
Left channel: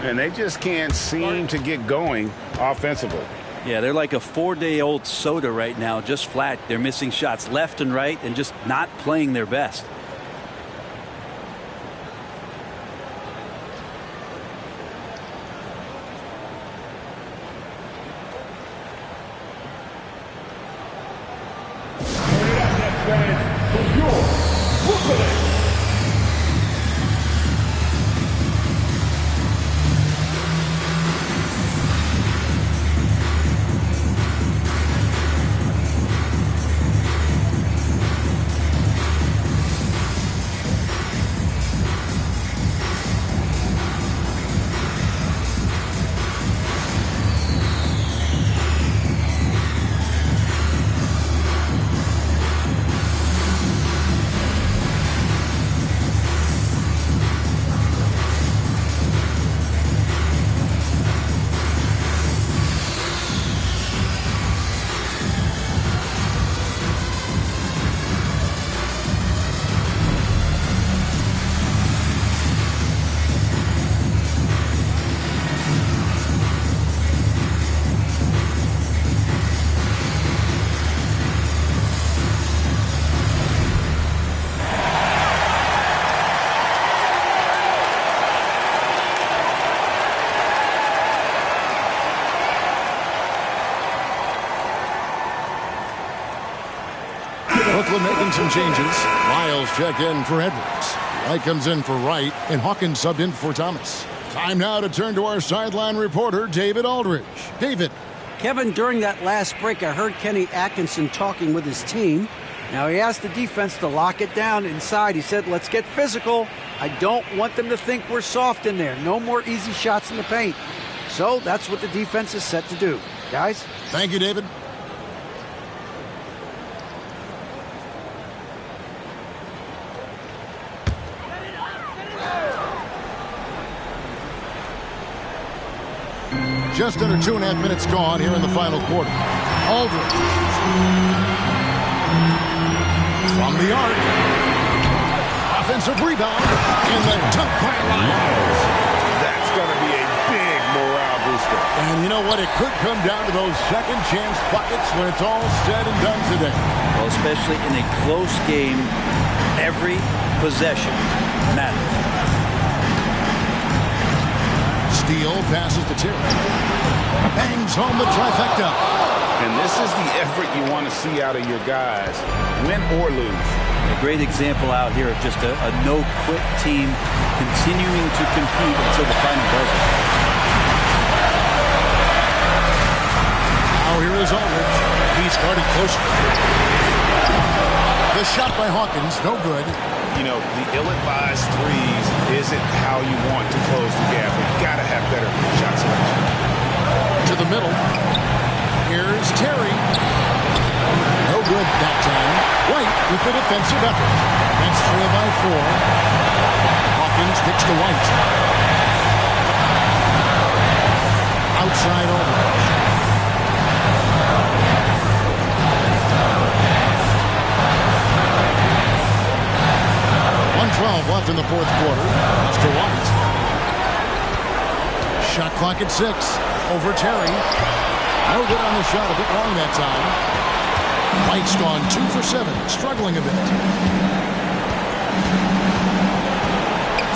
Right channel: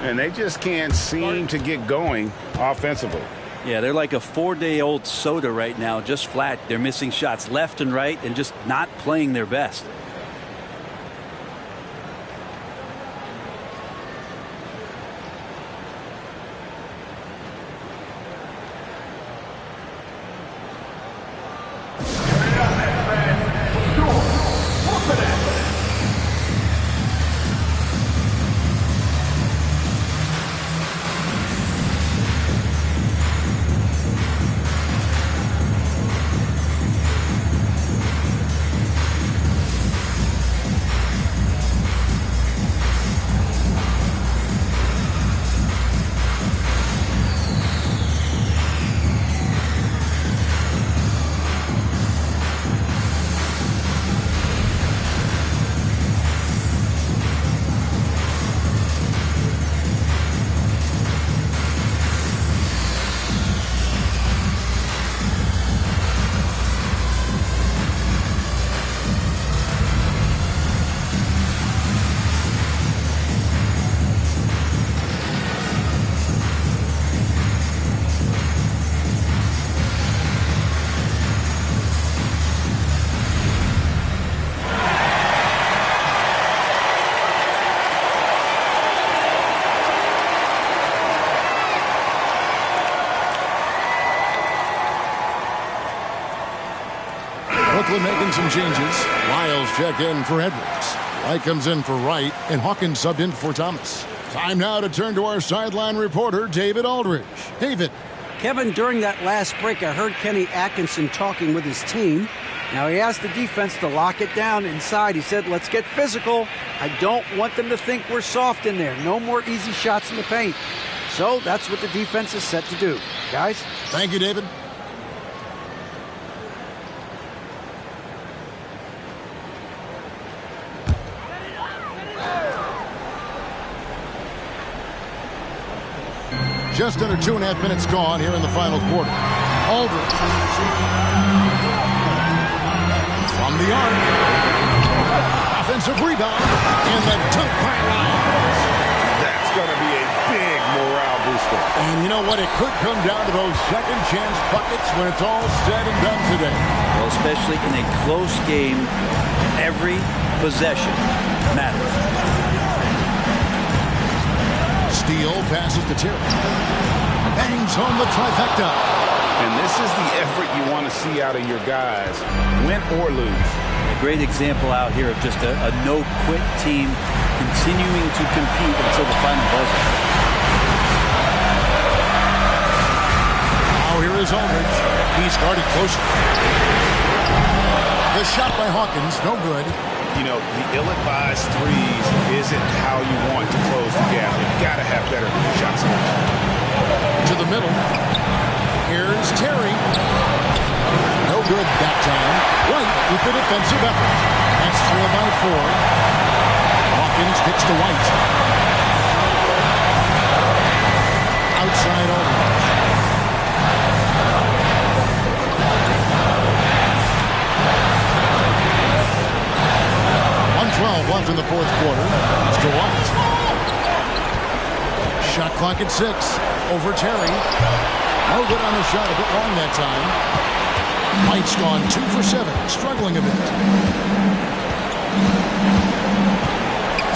And they just can't seem to get going offensively. Yeah, they're like a 4-day-old soda right now, just flat. They're missing shots left and right and just not playing their best. Brooklyn making some changes. Lyles check in for Edwards. White comes in for Wright, and Hawkins subbed in for Thomas. Time now to turn to our sideline reporter, David Aldridge. David. Kevin, during that last break, I heard Kenny Atkinson talking with his team. Now, he asked the defense to lock it down inside. He said, let's get physical. I don't want them to think we're soft in there. No more easy shots in the paint. So that's what the defense is set to do. Guys? Thank you, David. Just under 2.5 minutes gone here in the final quarter. Aldridge. From the arc. Offensive rebound. And the dunk by Lyles. That's going to be a big morale booster. And you know what? It could come down to those second chance buckets when it's all said and done today. Well, especially in a close game, every possession matters. Steele passes to Terry. Bangs home the trifecta. And this is the effort you want to see out of your guys, win or lose. A great example out here of just a no-quit team continuing to compete until the final buzzer. Now here is Aldridge. He's guarded closely. The shot by Hawkins, no good. You know, the ill-advised threes isn't how you want to close the gap. They've got to have better shot selection. To the middle. Here's Terry. No good that time. White with the defensive effort. That's trailed by 4. Hawkins kicks to White. Outside Aldridge. .12 left in the fourth quarter. It's to White. Shot clock at 6. Over Terry. No good on the shot. A bit long that time. White's gone 2 for 7. Struggling a bit.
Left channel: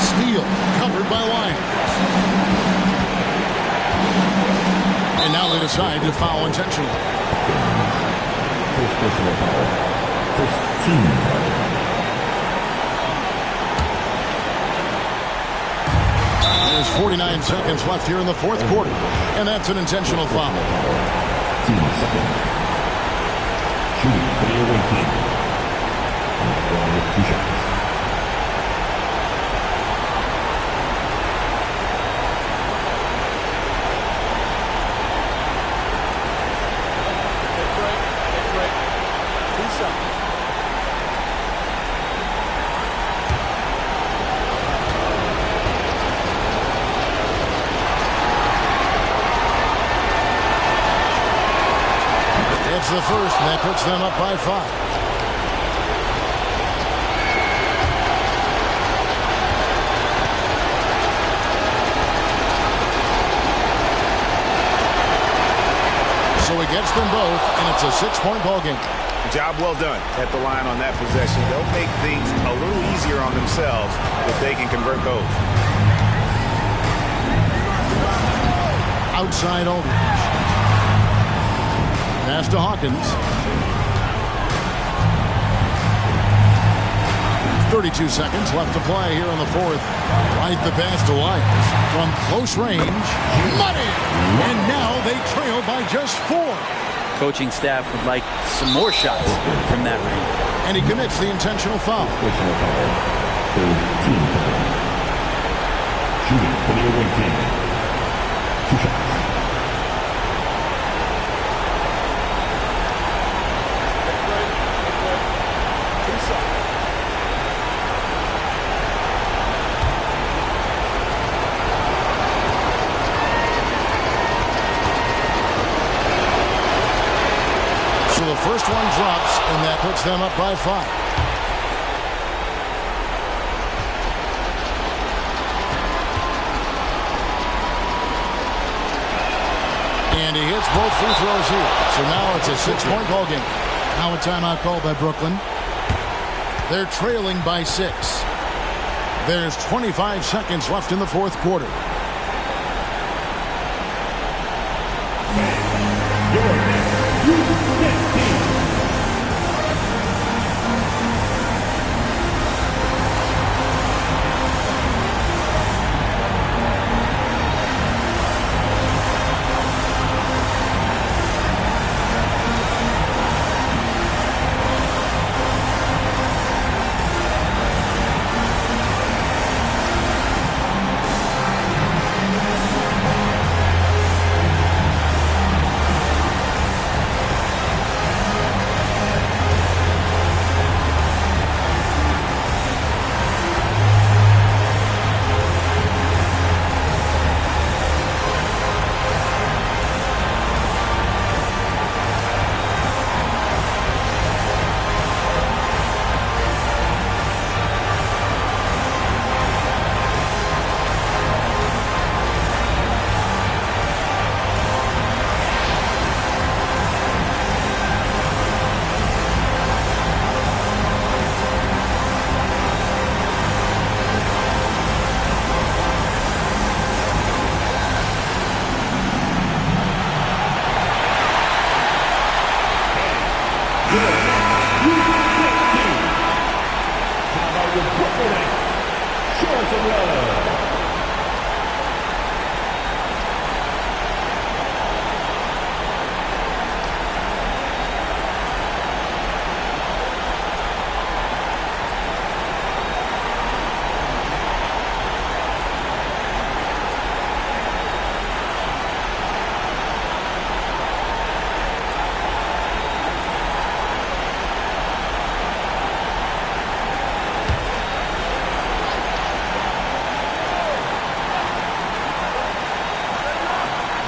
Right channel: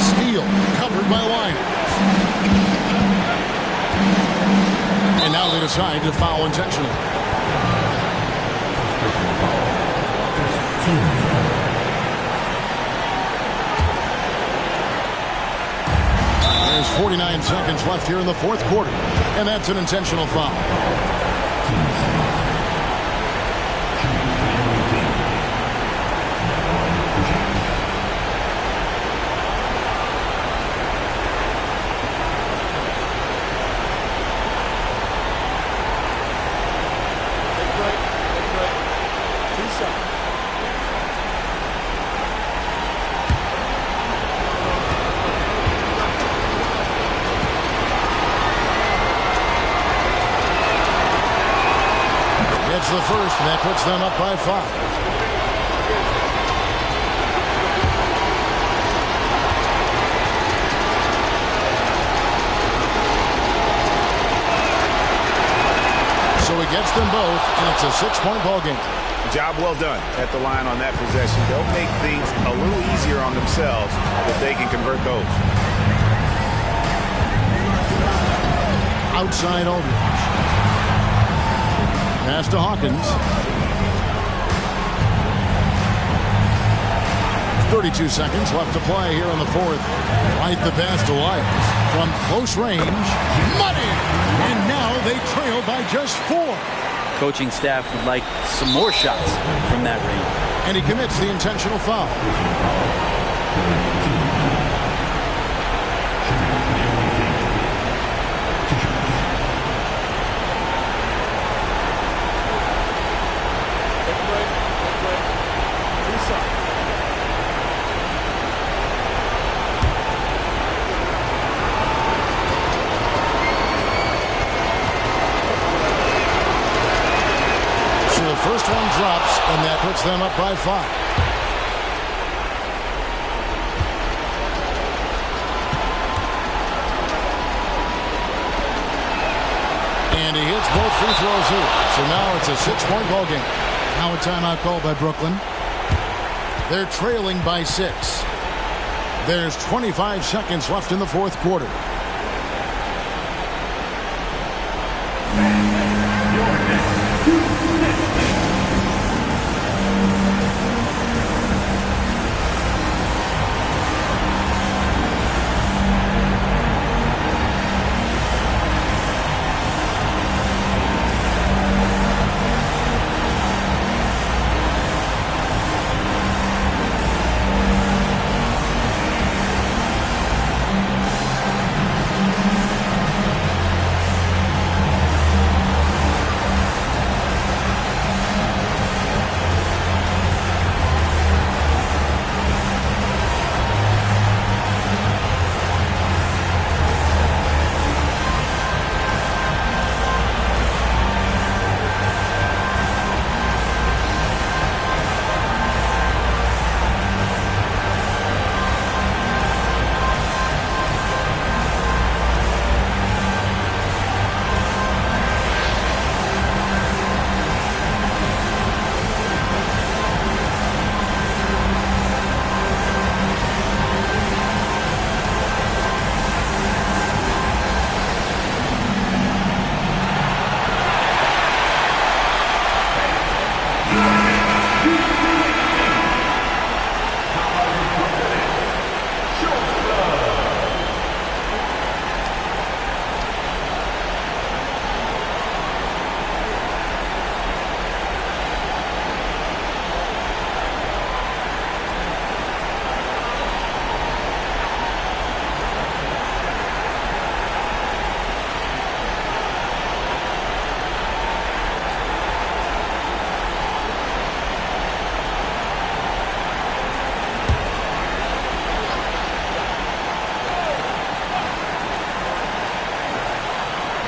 Steele covered by Lyles. And now they decide to foul intentionally. First personal foul. First team foul. There's 49 seconds left here in the fourth quarter, and that's an intentional foul. Team foul. Shooting for the away team. Line of 2 shots. Take a break. 2 shots. It's the first, and that puts them up by 5. So he gets them both, and it's a 6-point ball game. Job well done at the line on that possession. They'll make things a little easier on themselves if they can convert those. Outside Aldridge. Pass to Hawkins. 32 seconds left to play here in the fourth. Right the pass to Lyles. From close range. Money! And now they trail by just 4. Coaching staff would like some more shots from that range. And he commits the intentional foul. Personal foul. Third team foul. Shooting for the away team. 2 shots. Take a break. 2 shots. So the first one drops, and that puts them up by 5. And he hits both free throws here. So now it's a 6-point ball game. Now a timeout called by Brooklyn. They're trailing by 6. There's 25 seconds left in the fourth quarter.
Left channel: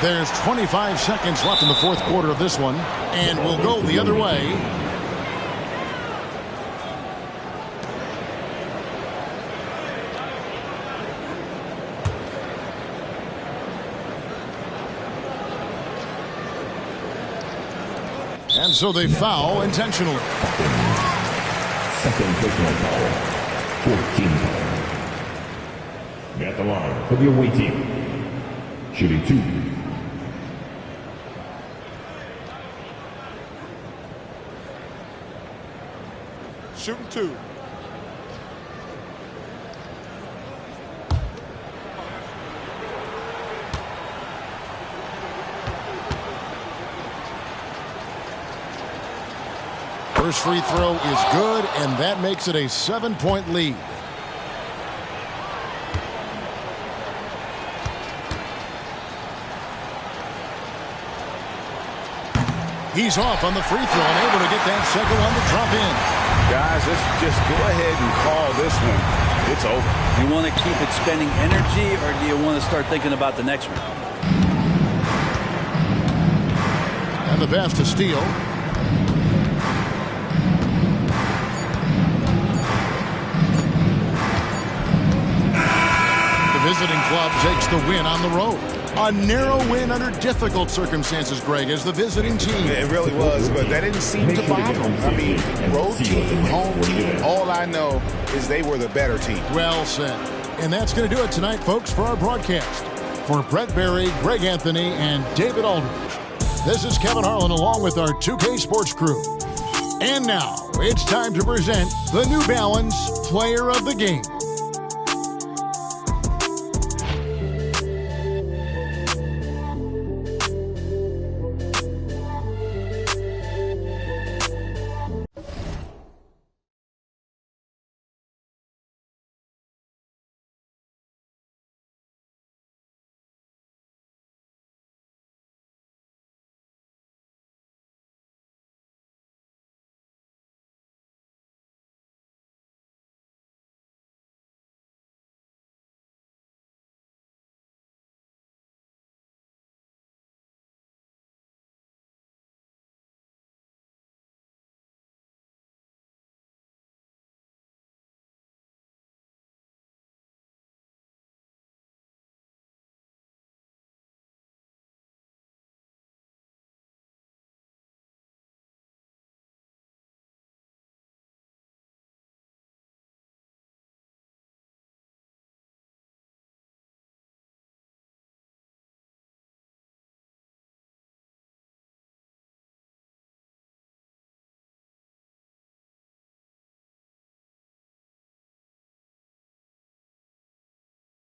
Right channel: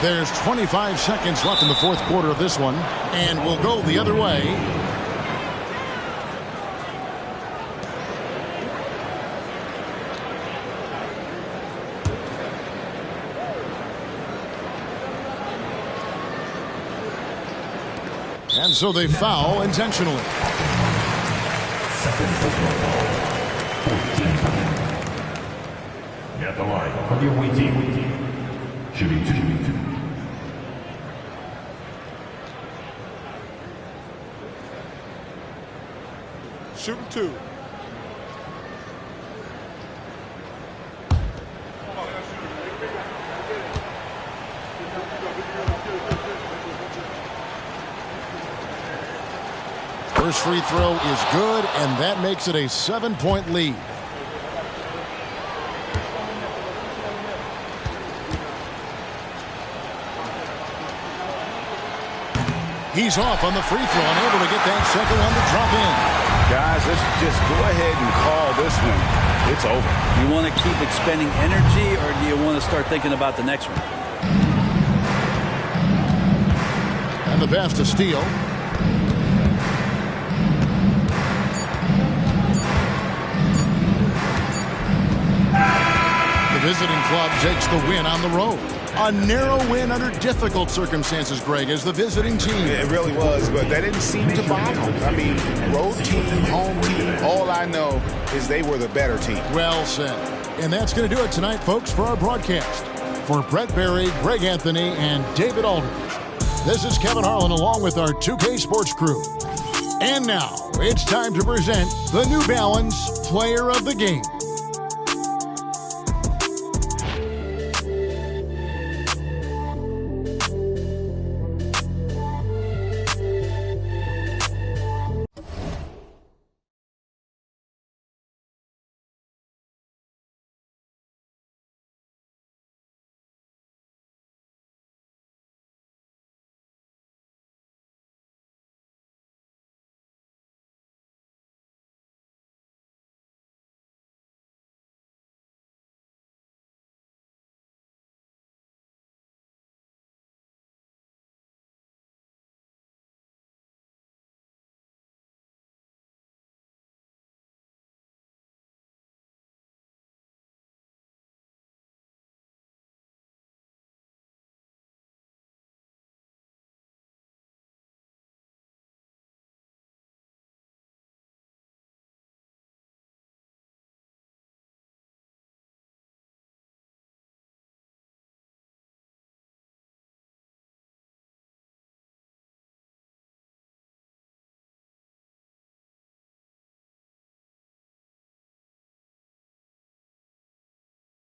There's 25 seconds left in the fourth quarter of this one, and we'll go the other way. And so they foul intentionally. Second personal foul. 14 foul. At the line for the away team. Shooting 2. Shooting 2. First free throw is good, and that makes it a 7-point lead. He's off on the free throw, unable to get that second one to drop in. Guys, let's just go ahead and call this one. It's over. You want to keep expending energy, or do you want to start thinking about the next one? And the pass to Steele. The visiting club takes the win on the road. A narrow win under difficult circumstances, Greg, as the visiting team. It really was, but that didn't seem to bother them. I mean, road team, home team, all I know is they were the better team. Well said. And that's going to do it tonight, folks, for our broadcast. For Brett Berry, Greg Anthony, and David Aldridge, this is Kevin Harlan along with our 2K Sports crew. And now, it's time to present the New Balance Player of the Game.